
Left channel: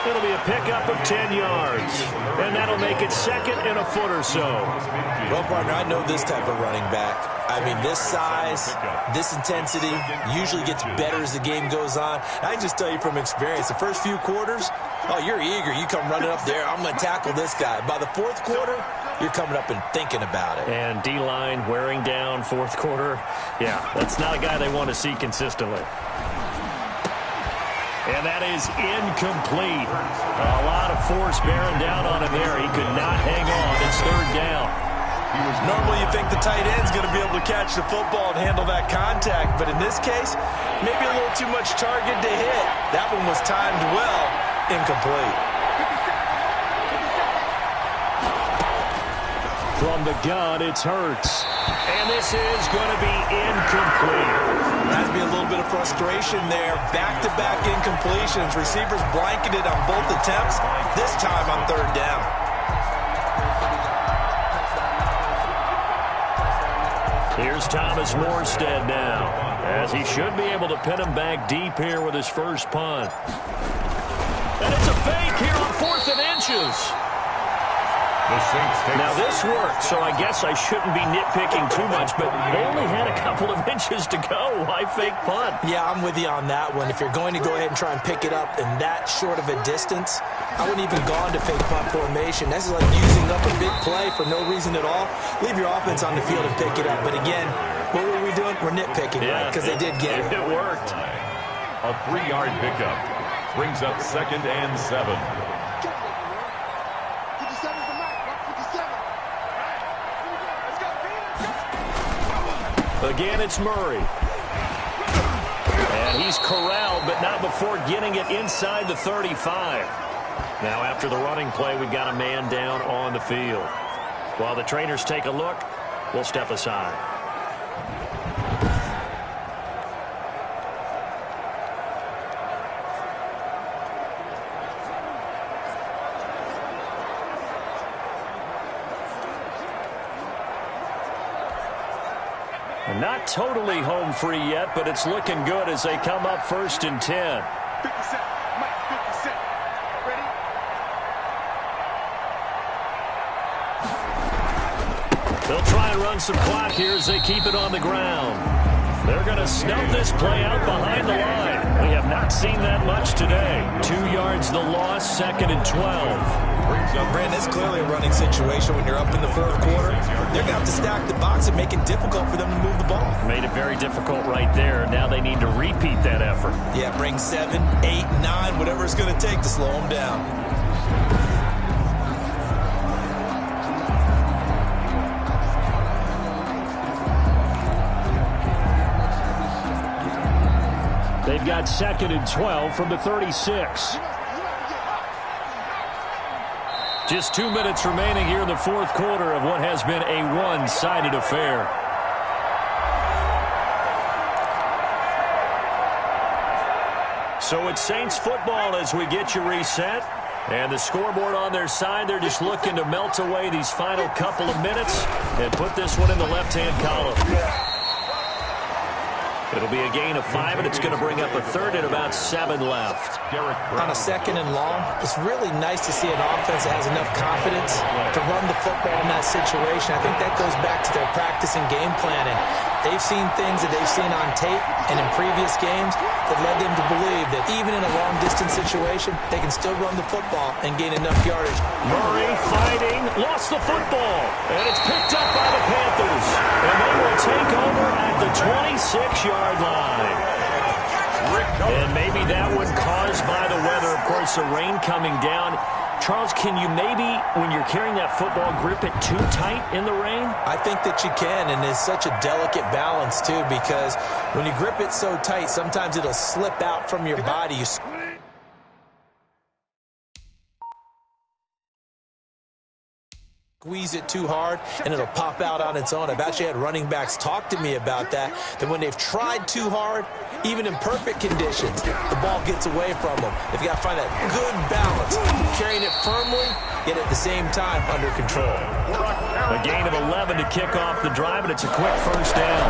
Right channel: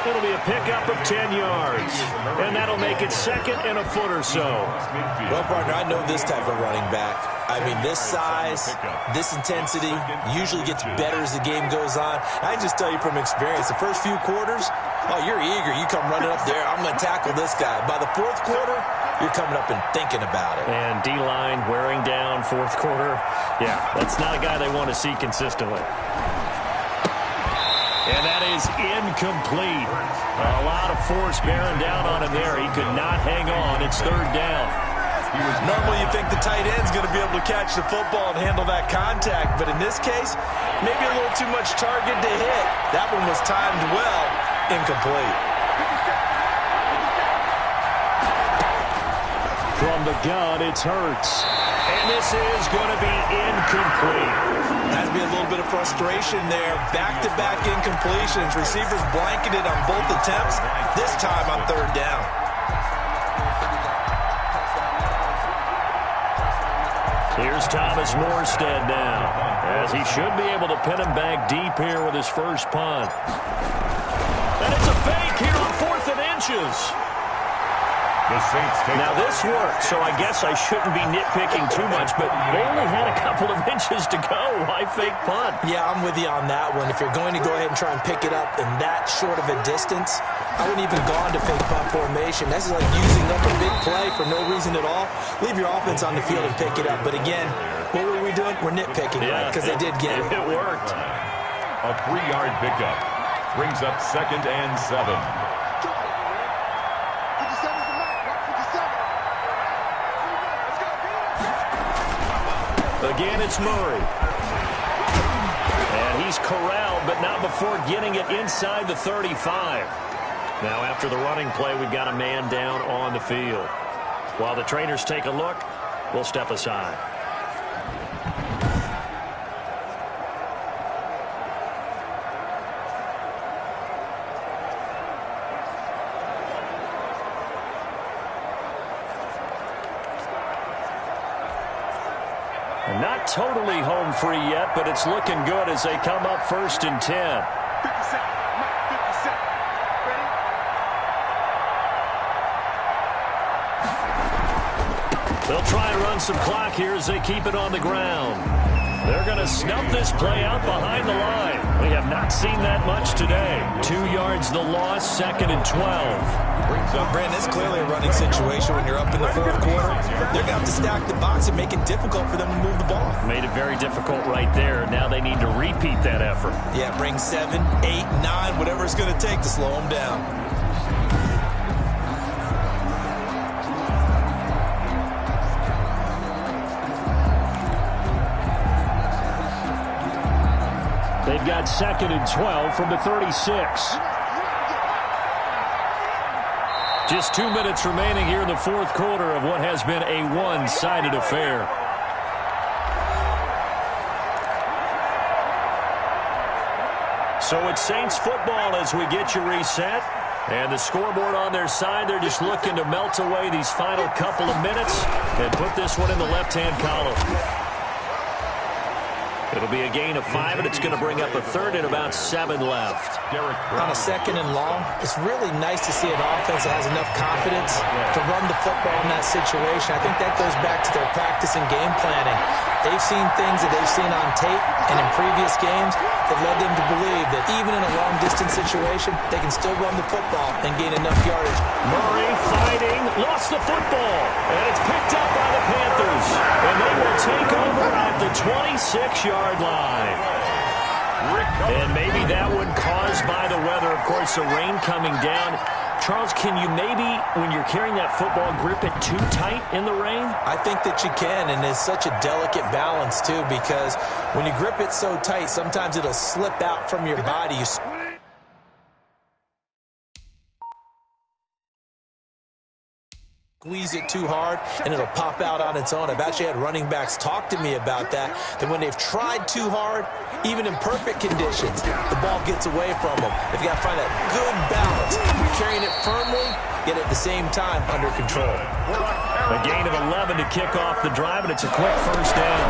It'll be a pickup of 10 yards. And that'll make it 2nd and a foot or so. Well, partner, I know this type of running back. I mean, this size, this intensity usually gets better as the game goes on. I can just tell you from experience, the first few quarters, oh, you're eager. You come running up there, I'm going to tackle this guy. By the fourth quarter, you're coming up and thinking about it. And D-line wearing down fourth quarter. Yeah, that's not a guy they want to see consistently. And that is incomplete. A lot of force bearing down on him there. He could not hang on. It's 3rd down. Normally you think the tight end's going to be able to catch the football and handle that contact, but in this case, maybe a little too much target to hit. That one was timed well, incomplete. From the gun, it's Hurts. And this is going to be incomplete. Has to be a little bit of frustration there. Back-to-back incompletions. Receivers blanketed on both attempts, this time on 3rd down. Here's Thomas Morstead now, as he should be able to pin him back deep here with his first punt. And it's a fake here on 4th and inches. The Saints take now this worked, so I guess I shouldn't be nitpicking too much, but they only had a couple of inches to go. Why fake punt? Yeah, I'm with you on that one. If you're going to go ahead and try and pick it up in that short of a distance, I wouldn't even gone to fake punt formation. This is like using up a big play for no reason at all. Leave your offense on the field and pick it up. But again, what were we doing? We're nitpicking, right? Because they did get it. It worked. A 3-yard pickup brings up 2nd and 7. Again, it's Murray. And he's corralled, but not before getting it inside the 35. Now, after the running play, we've got a man down on the field. While the trainers take a look, we'll step aside. Not totally home free yet, but it's looking good as they come up 1st and 10. 50 Cent, Mike, 50 Cent. Ready? They'll try and run some clock here as they keep it on the ground. They're going to snub this play out behind the line. We have not seen that much today. 2 yards the loss, 2nd and 12. Brandon, it's clearly a running situation when you're up in the fourth quarter. They're going to have to stack the box and make it difficult for them to move the ball. Made it very difficult right there. Now they need to repeat that effort. Yeah, bring 7, 8, 9, whatever it's going to take to slow them down. They've got 2nd and 12 from the 36. Just 2 minutes remaining here in the fourth quarter of what has been a one-sided affair. So it's Saints football as we get you reset. And the scoreboard on their side, they're just looking to melt away these final couple of minutes and put this one in the left-hand column. It'll be a gain of 5, and it's going to bring up a third and about 7 left. On a 2nd and long, it's really nice to see an offense that has enough confidence to run the football in that situation. I think that goes back to their practice and game planning. They've seen things that they've seen on tape and in previous games that led them to believe that even in a long-distance situation, they can still run the football and gain enough yardage. Murray fighting, lost the football, and it's picked up by the Panthers. And they will take over at the 26-yard line. And maybe that one caused by the weather. Of course, the rain coming down. Charles, can you maybe, when you're carrying that football, grip it too tight in the rain? I think that you can, and it's such a delicate balance, too, because when you grip it so tight, sometimes it'll slip out from your body. You squeeze it too hard, and it'll pop out on its own. I've actually had running backs talk to me about that when they've tried too hard, even in perfect conditions, the ball gets away from them. They've got to find that good balance, carrying it firmly, yet at the same time under control. A gain of 11 to kick off the drive, and it's a quick first down.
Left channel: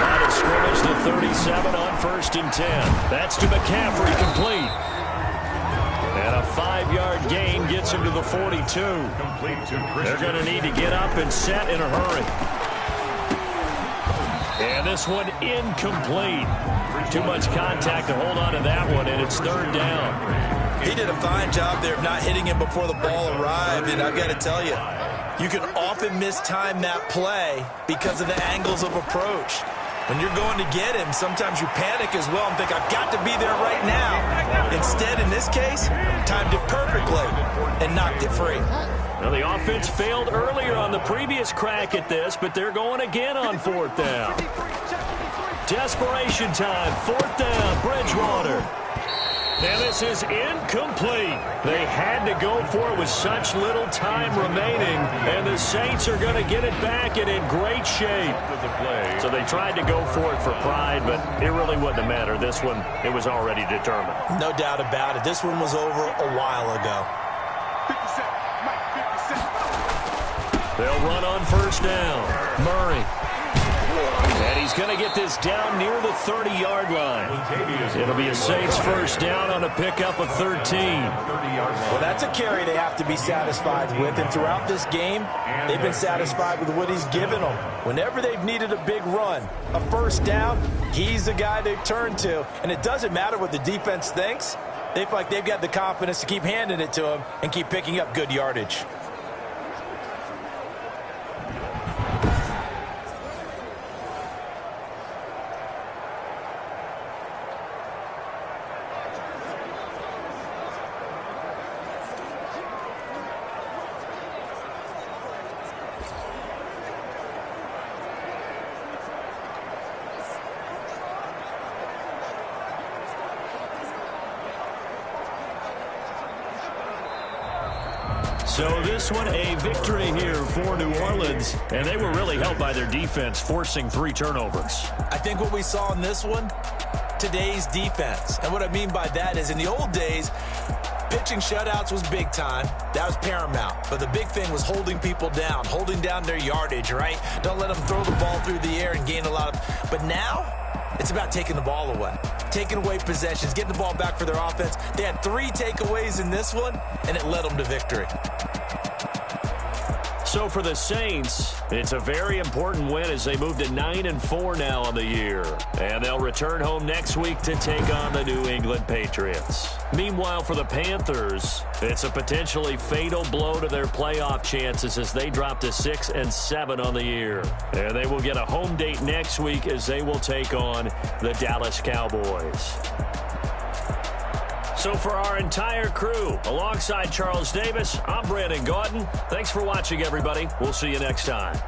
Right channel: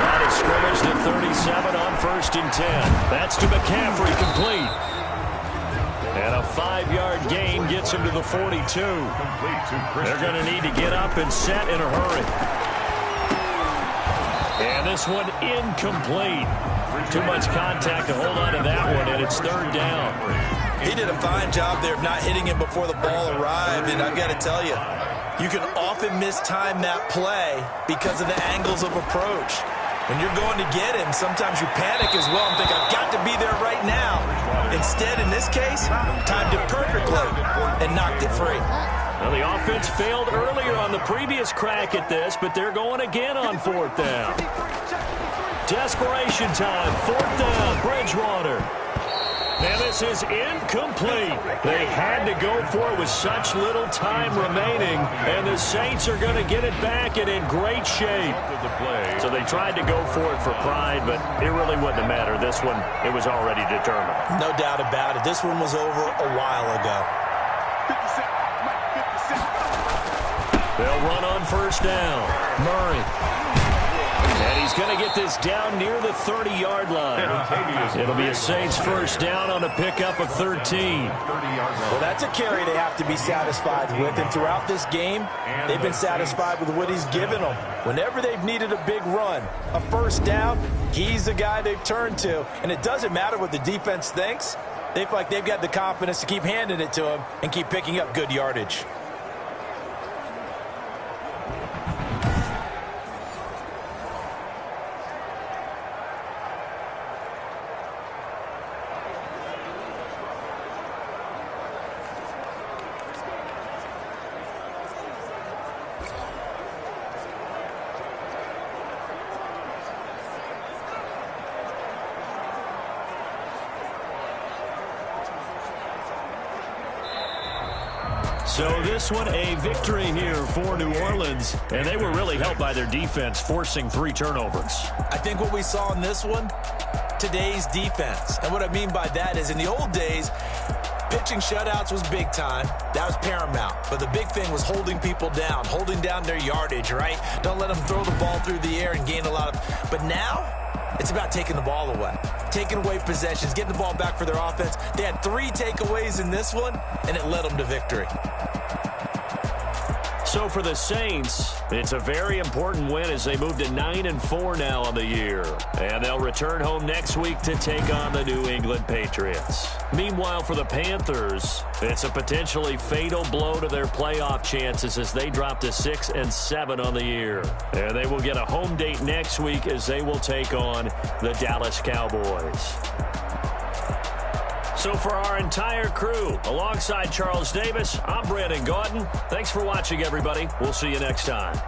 Line of scrimmage to 37 on 1st and 10. That's to McCaffrey, complete. And a 5-yard gain gets him to the 42. They're going to need to get up and set in a hurry. And this one incomplete. Too much contact to hold on to that one, and it's 3rd down. He did a fine job there of not hitting him before the ball arrived, and I've got to tell you, you can often mistime that play because of the angles of approach. When you're going to get him, sometimes you panic as well and think, I've got to be there right now. Instead, in this case, timed it perfectly and knocked it free. Well, the offense failed earlier on the previous crack at this, but they're going again on 4th down. Desperation time, 4th down, Bridgewater. And this is incomplete. They had to go for it with such little time remaining, and the Saints are going to get it back and in great shape. So they tried to go for it for pride, but it really wouldn't have mattered. This one, it was already determined. No doubt about it. This one was over a while ago. 57, Mike, 57. They'll run on 1st down. Murray. And he's going to get this down near the 30-yard line. It'll be a Saints 1st down on a pickup of 13. Well, that's a carry they have to be satisfied with. And throughout this game, they've been satisfied with what he's given them. Whenever they've needed a big run, a 1st down, he's the guy they've turned to. And it doesn't matter what the defense thinks. They feel like they've got the confidence to keep handing it to him and keep picking up good yardage. So this one, a victory here for New Orleans, and they were really helped by their defense, forcing 3 turnovers. I think what we saw in this one, today's defense. And what I mean by that is in the old days, pitching shutouts was big time. That was paramount. But the big thing was holding people down, holding down their yardage, right? Don't let them throw the ball through the air and gain a lot of... But now, it's about taking the ball away. Taking away possessions, getting the ball back for their offense. They had 3 takeaways in this one, and it led them to victory. So for the Saints, it's a very important win as they move to 9-4 now on the year. And they'll return home next week to take on the New England Patriots. Meanwhile, for the Panthers, it's a potentially fatal blow to their playoff chances as they drop to 6-7 on the year. And they will get a home date next week as they will take on the Dallas Cowboys. So for our entire crew, alongside Charles Davis, I'm Brandon Gaudin. Thanks for watching, everybody. We'll see you next time.